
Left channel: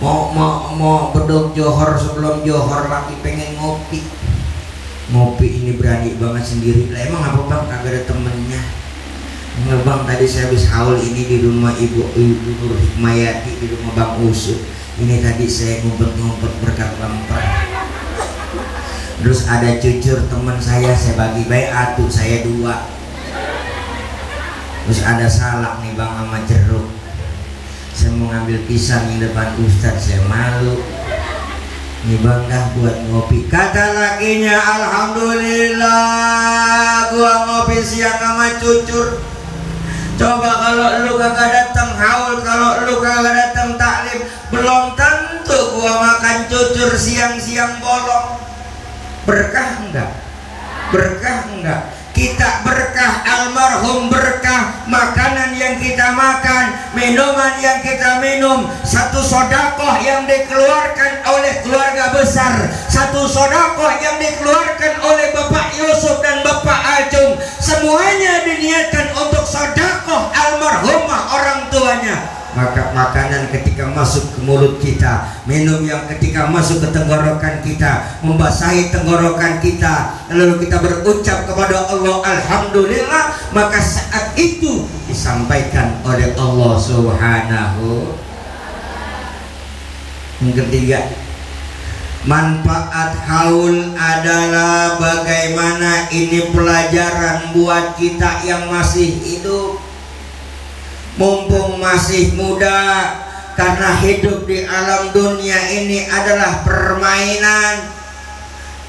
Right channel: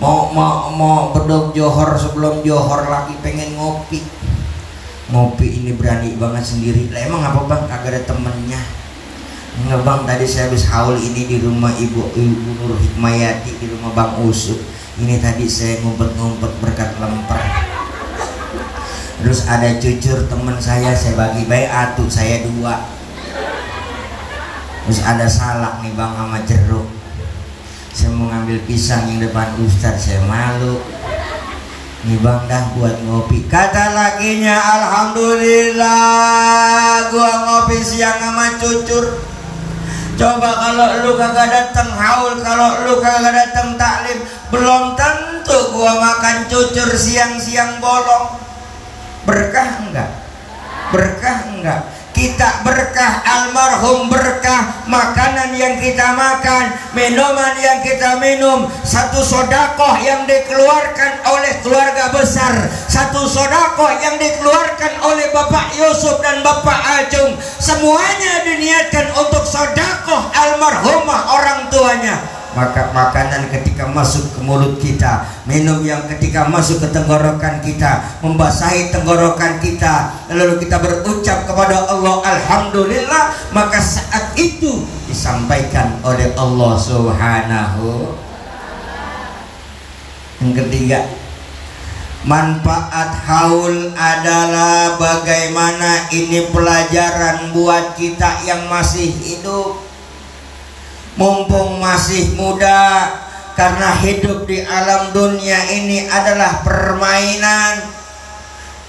mau bedog johor, sebelum johor laki pengen ngopi. Ngopi ini berani banget sendiri. Lah emang apa bang? Kagak ada temennya. Enggak bang, tadi saya habis haul ini di rumah ibu Nur Hikmayati, di rumah Bang Usuk. Ini tadi saya ngumpet-ngumpet berkat lemper. Terus ada cucur teman saya bagi-bagi, atuh saya 2. Terus ada salak nih bang sama jeruk. Saya mau ngambil pisang yang depan Ustadz, saya malu. Nih bang dah buat ngopi. Kata lakinya, alhamdulillah gua ngopi siang sama cucur. Coba kalau lu kagak datang haul, kalau lu kagak datang taklim, belum tentu gua makan cucur siang-siang bolong. Berkah enggak? Berkah enggak? Kita berkah, almarhum berkah. Makanan yang kita makan, minuman yang kita minum, satu sodakoh yang dikeluarkan oleh keluarga besar, satu sodakoh yang dikeluarkan oleh Bapak Yusuf dan Bapak Ajung. Semuanya diniatkan untuk sodakoh almarhumah orang tuanya. Maka makanan ketika masuk ke mulut kita, minum yang ketika masuk ke tenggorokan kita, membasahi tenggorokan kita, lalu kita berucap kepada Allah alhamdulillah, maka saat itu disampaikan oleh Allah Subhanahu. Yang ketiga, manfaat haul adalah bagaimana ini pelajaran buat kita yang masih hidup. Mumpung masih muda, karena hidup di alam dunia ini adalah permainan.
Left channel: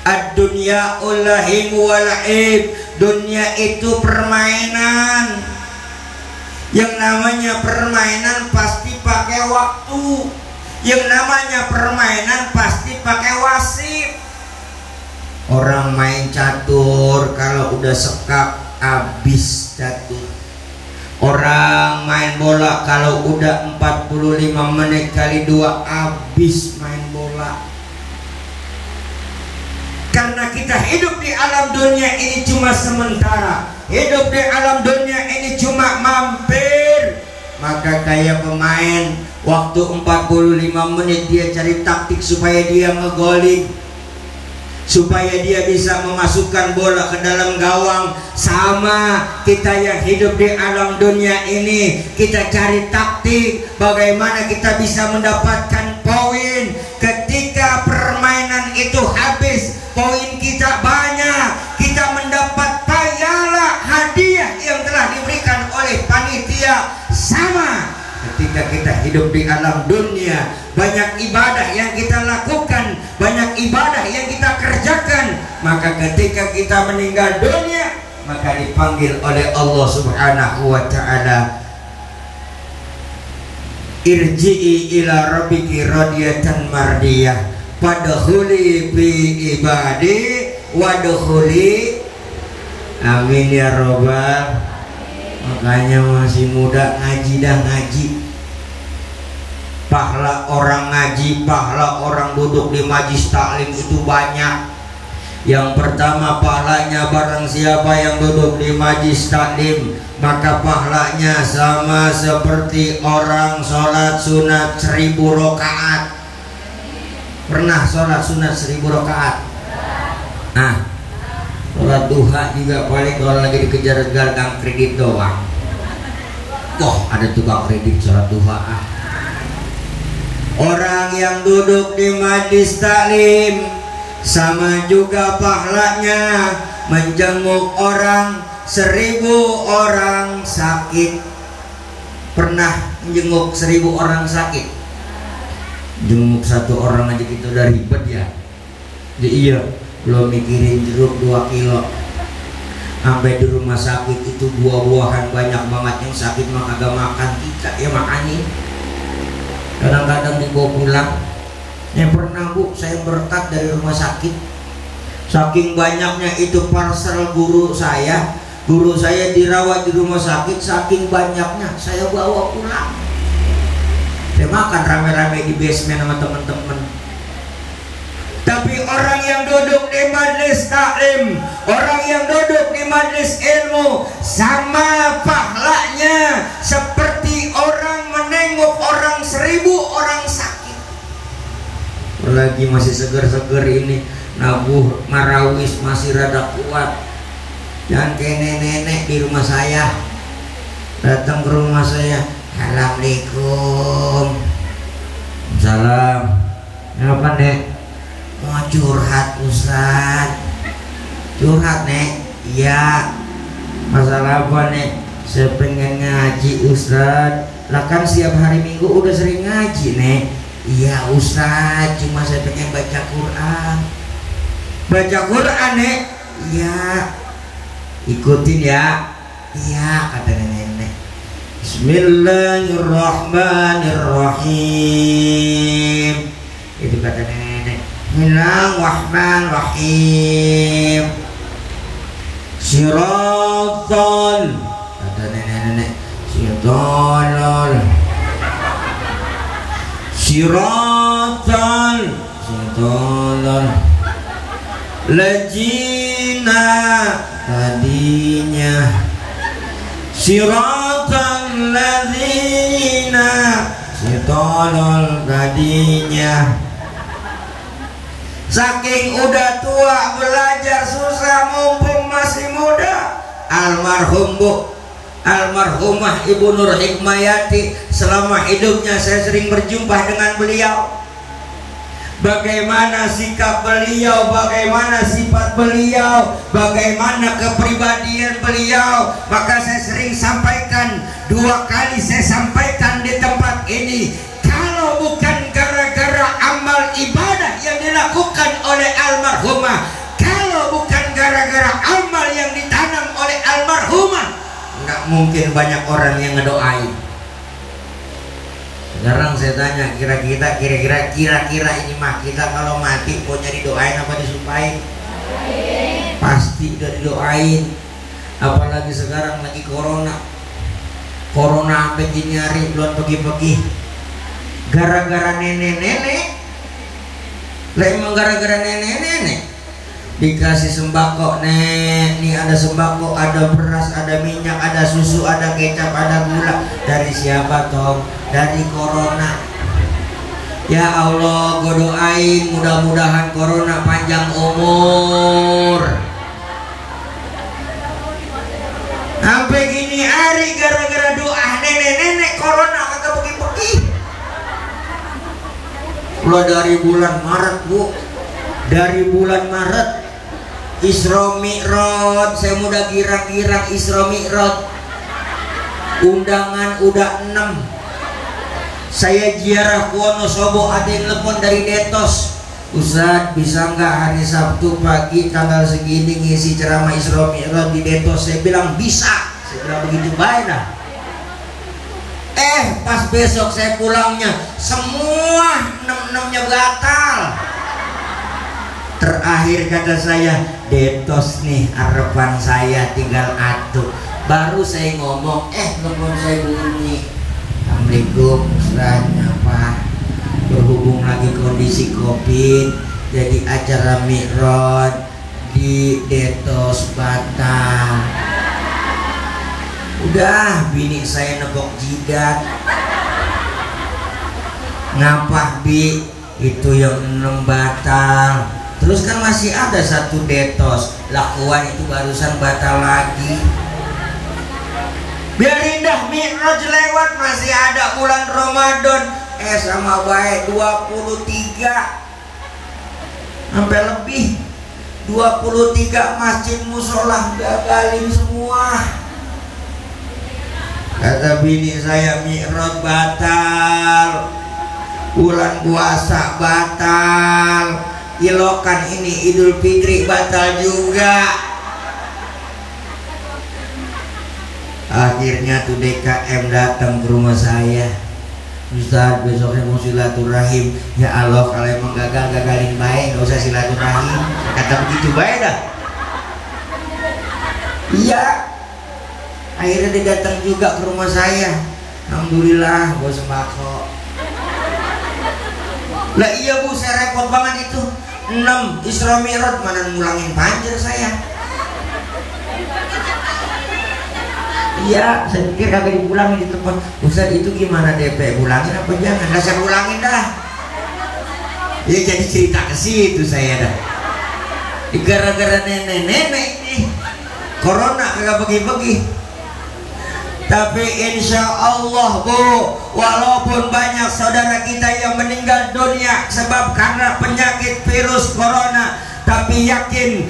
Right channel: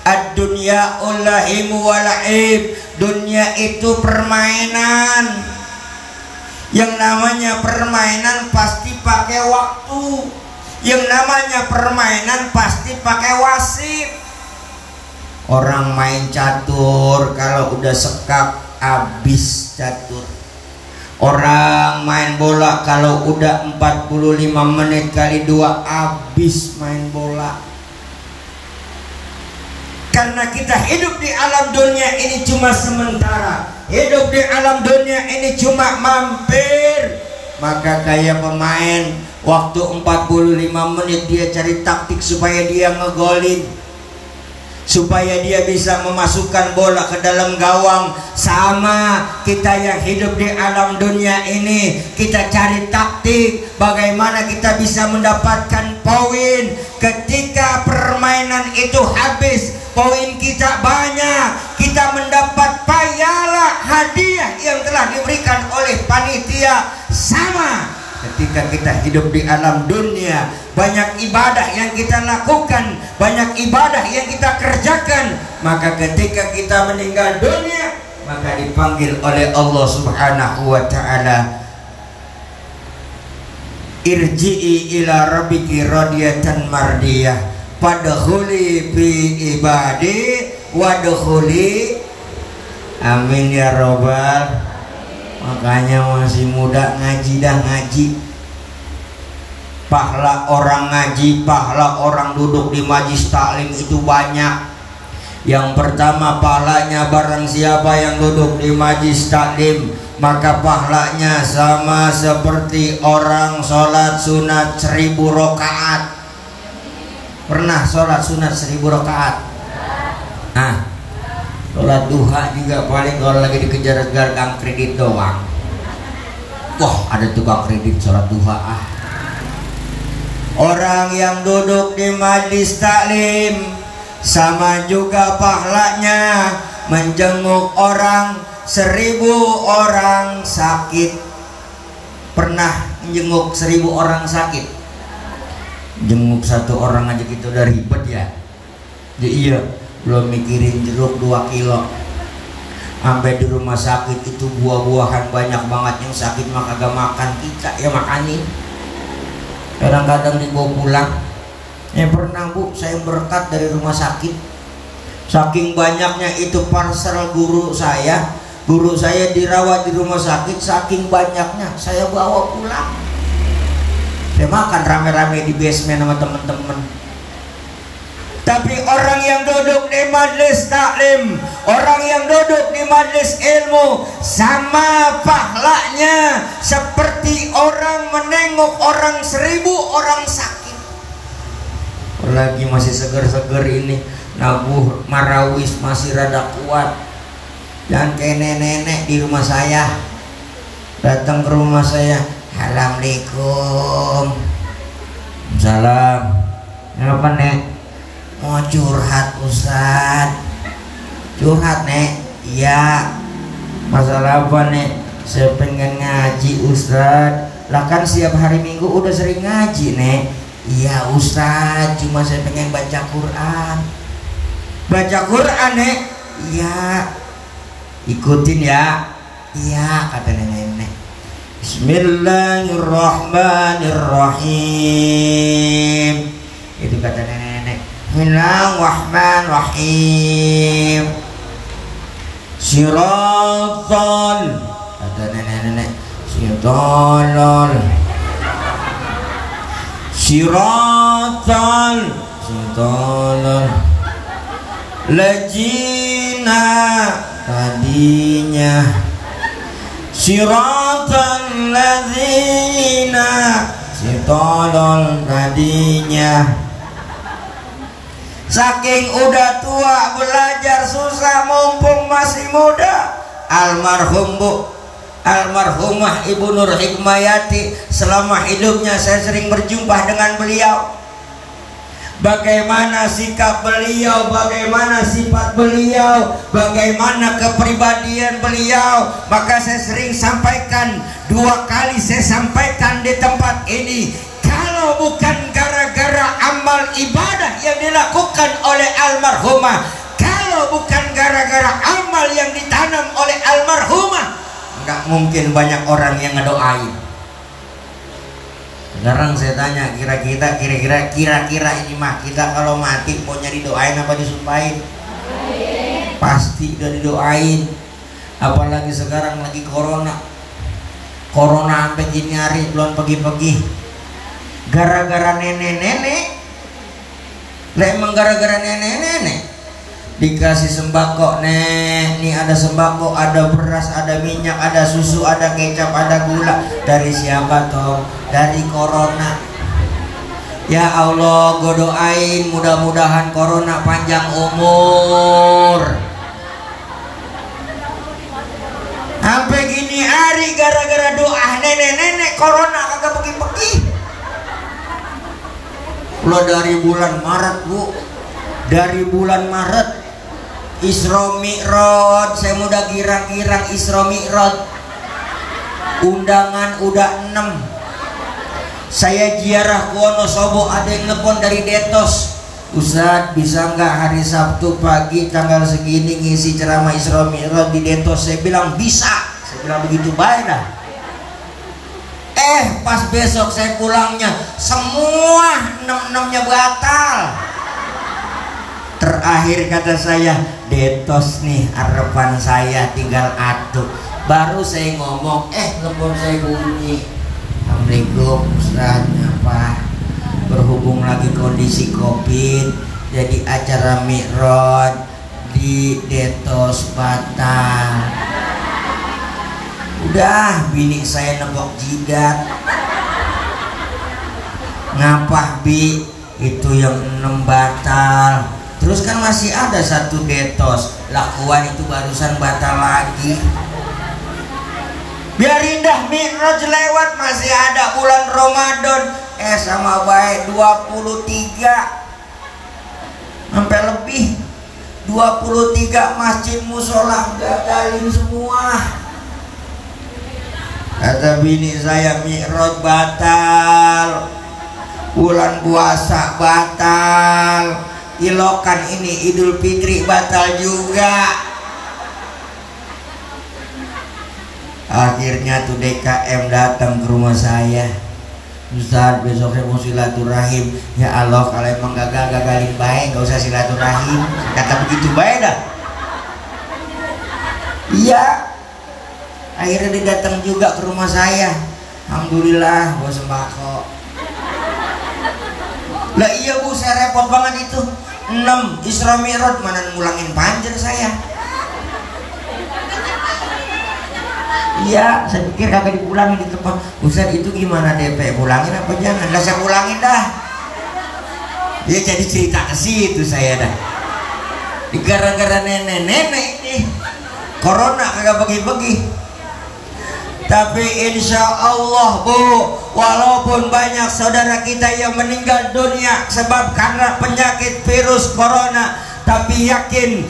Ad-dunya ulahim wala'ib. Dunia itu permainan. Yang namanya permainan pasti pakai waktu. Yang namanya permainan pasti pakai wasit. Orang main catur, kalau udah sekap habis catur. Orang main bola kalau udah 45 menit kali 2 habis main bola. Karena kita hidup di alam dunia ini cuma sementara. Hidup di alam dunia ini cuma mampir. Maka kayak pemain, waktu 45 menit dia cari taktik supaya dia ngegolin, supaya dia bisa memasukkan bola ke dalam gawang. Sama kita yang hidup di alam dunia ini, kita cari taktik bagaimana kita bisa mendapatkan poin. Ketika permainan itu habis, poin kita banyak, kita mendapat pahala hadiah yang telah diberikan oleh panitia. Sama ketika kita hidup di alam dunia, banyak ibadah yang kita lakukan, banyak ibadah yang kita kerjakan, maka ketika kita meninggal dunia, maka dipanggil oleh Allah Subhanahu wa ta'ala, irji'i ila rabbiki radiyatan mardiyah fadkhuli fi ibadi wadkhuli. Amin ya robbal. Makanya masih muda ngaji dah ngaji. Pahala orang ngaji, pahala orang duduk di majlis taklim itu banyak. Yang pertama, pahalanya barang siapa yang duduk di majlis taklim, maka pahalanya sama seperti orang sholat sunat 1000 rakaat. Pernah sholat sunat 1000 rakaat? Nah, sholat duha juga paling kalau lagi dikejar gang kredit doang. Wah, ada tukang kredit sholat duha. Orang yang duduk di majlis taklim sama juga pahalanya menjenguk orang 1000 orang sakit. Pernah menjenguk 1000 orang sakit? Jenguk satu orang aja kita udah ribet ya. Iya, belum mikirin jeruk 2 kilo. Sampai di rumah sakit itu buah-buahan banyak banget, yang sakit mah kagak makan, kita ya makanin. Kadang-kadang dibawa pulang. Pernah bu, saya berkat dari rumah sakit. Saking banyaknya itu parcel guru saya dirawat di rumah sakit. Saking banyaknya saya bawa pulang. Dia makan rame-rame di basement sama teman-teman. Tapi orang yang duduk di majelis taklim, orang yang duduk di majelis ilmu, sama pahalanya seperti orang menengok orang 1000 orang sakit. Lagi masih seger-seger ini, nabuh marawis masih rada kuat. Dan kayak nenek-nenek di rumah saya, datang ke rumah saya, assalamualaikum. Salam. Apa nek? Mau curhat Ustaz. Curhat nek? Iya. Masalah apa nek? Saya pengen ngaji Ustaz. Lah kan setiap hari Minggu udah sering ngaji nek. Iya Ustaz, cuma saya pengen baca Quran. Baca Quran nek? Iya. Ikutin ya. Iya kata nenek. Bismillahirrahmanirrahim. Itu kata nenek. Bismillahirrahmanirrahim. Siratal, kata nenek. Siratal. Siratal. Siratal. Lajina, tadinya. Siratal ladzina, siratal tadinya. Saking udah tua belajar susah mumpung masih muda. Almarhumah Ibu Nur Hikmayati, selama hidupnya saya sering berjumpa dengan beliau. Bagaimana sikap beliau, bagaimana sifat beliau, bagaimana kepribadian beliau. Maka saya sering sampaikan, 2 kali saya sampaikan di tempat ini, kalau bukan gara-gara amal ibadah yang dilakukan oleh almarhumah, kalau bukan gara-gara amal yang ditanam oleh almarhumah, nggak mungkin banyak orang yang ngedoain. Sekarang saya tanya, kira-kira ini mah kita kalau mati maunya didoain apa disumpahin? Pasti udah didoain. Apalagi sekarang lagi corona sampai nyari belum pergi-pergi. Gara-gara nenek-nenek. Lah emang gara-gara nenek-nenek dikasih sembako, nek, nih ada sembako, ada beras, ada minyak, ada susu, ada kecap, ada gula. Dari siapa toh? Dari corona. Ya Allah, gue doain mudah-mudahan corona panjang umur. Sampai gini hari gara-gara doa nenek-nenek corona kagak pergi-pergi. Lo dari bulan Maret bu, dari bulan Maret Isra Mi'raj, saya mudah girang-girang Isra Mi'raj. Undangan udah 6. Saya ziarah ke Wonosobo, ada yang telepon dari Detos, Ustaz bisa nggak hari Sabtu pagi tanggal segini ngisi ceramah Isra Mi'raj di Detos? Saya bilang bisa. Saya bilang begitu baik dah. Pas besok saya pulangnya semua 6-6-nya batal. Terakhir kata saya, Detos nih harapan saya tinggal atuh. Baru saya ngomong, telepon saya bunyi. Assalamualaikum Ustaz, apa? Berhubung lagi kondisi Covid, jadi acara Mi'raj di Detos batal. Udah, bini saya nebok jidat. Ngapah bi? Itu yang 6 batal. Terus kan masih ada 1 Detos. Lakuan itu barusan batal lagi. Biar indah Mi'raj lewat, masih ada bulan Ramadan. Sama baik 23 sampai lebih 23 masjid musola gagalin semua. Kata bini saya, Mi'raj batal, bulan puasa batal, ilokan ini Idul Fitri batal juga. Akhirnya tuh DKM datang ke rumah saya, Ustaz besoknya mau silaturahim. Ya Allah, kalau emang gagalin baik, gak usah silaturahim. Kata begitu baik dah. Iya. Akhirnya dia datang juga ke rumah saya. Alhamdulillah, gue sembako. Lah iya Bu, saya repot banget itu. 6 Isra Mi'raj mana ngulangin panjer saya. Iya, saya pikir kagak dipulangin di tempat. Ustaz itu gimana DP? Ulangin apa jangan? Lah saya ulangin dah. Ya jadi cerita ke situ saya dah. Gara-gara nenek-nenek ini corona kagak bagi-bagi. Tapi insya Allah Bu, walaupun banyak saudara kita yang meninggal dunia sebab karena penyakit virus corona, tapi yakin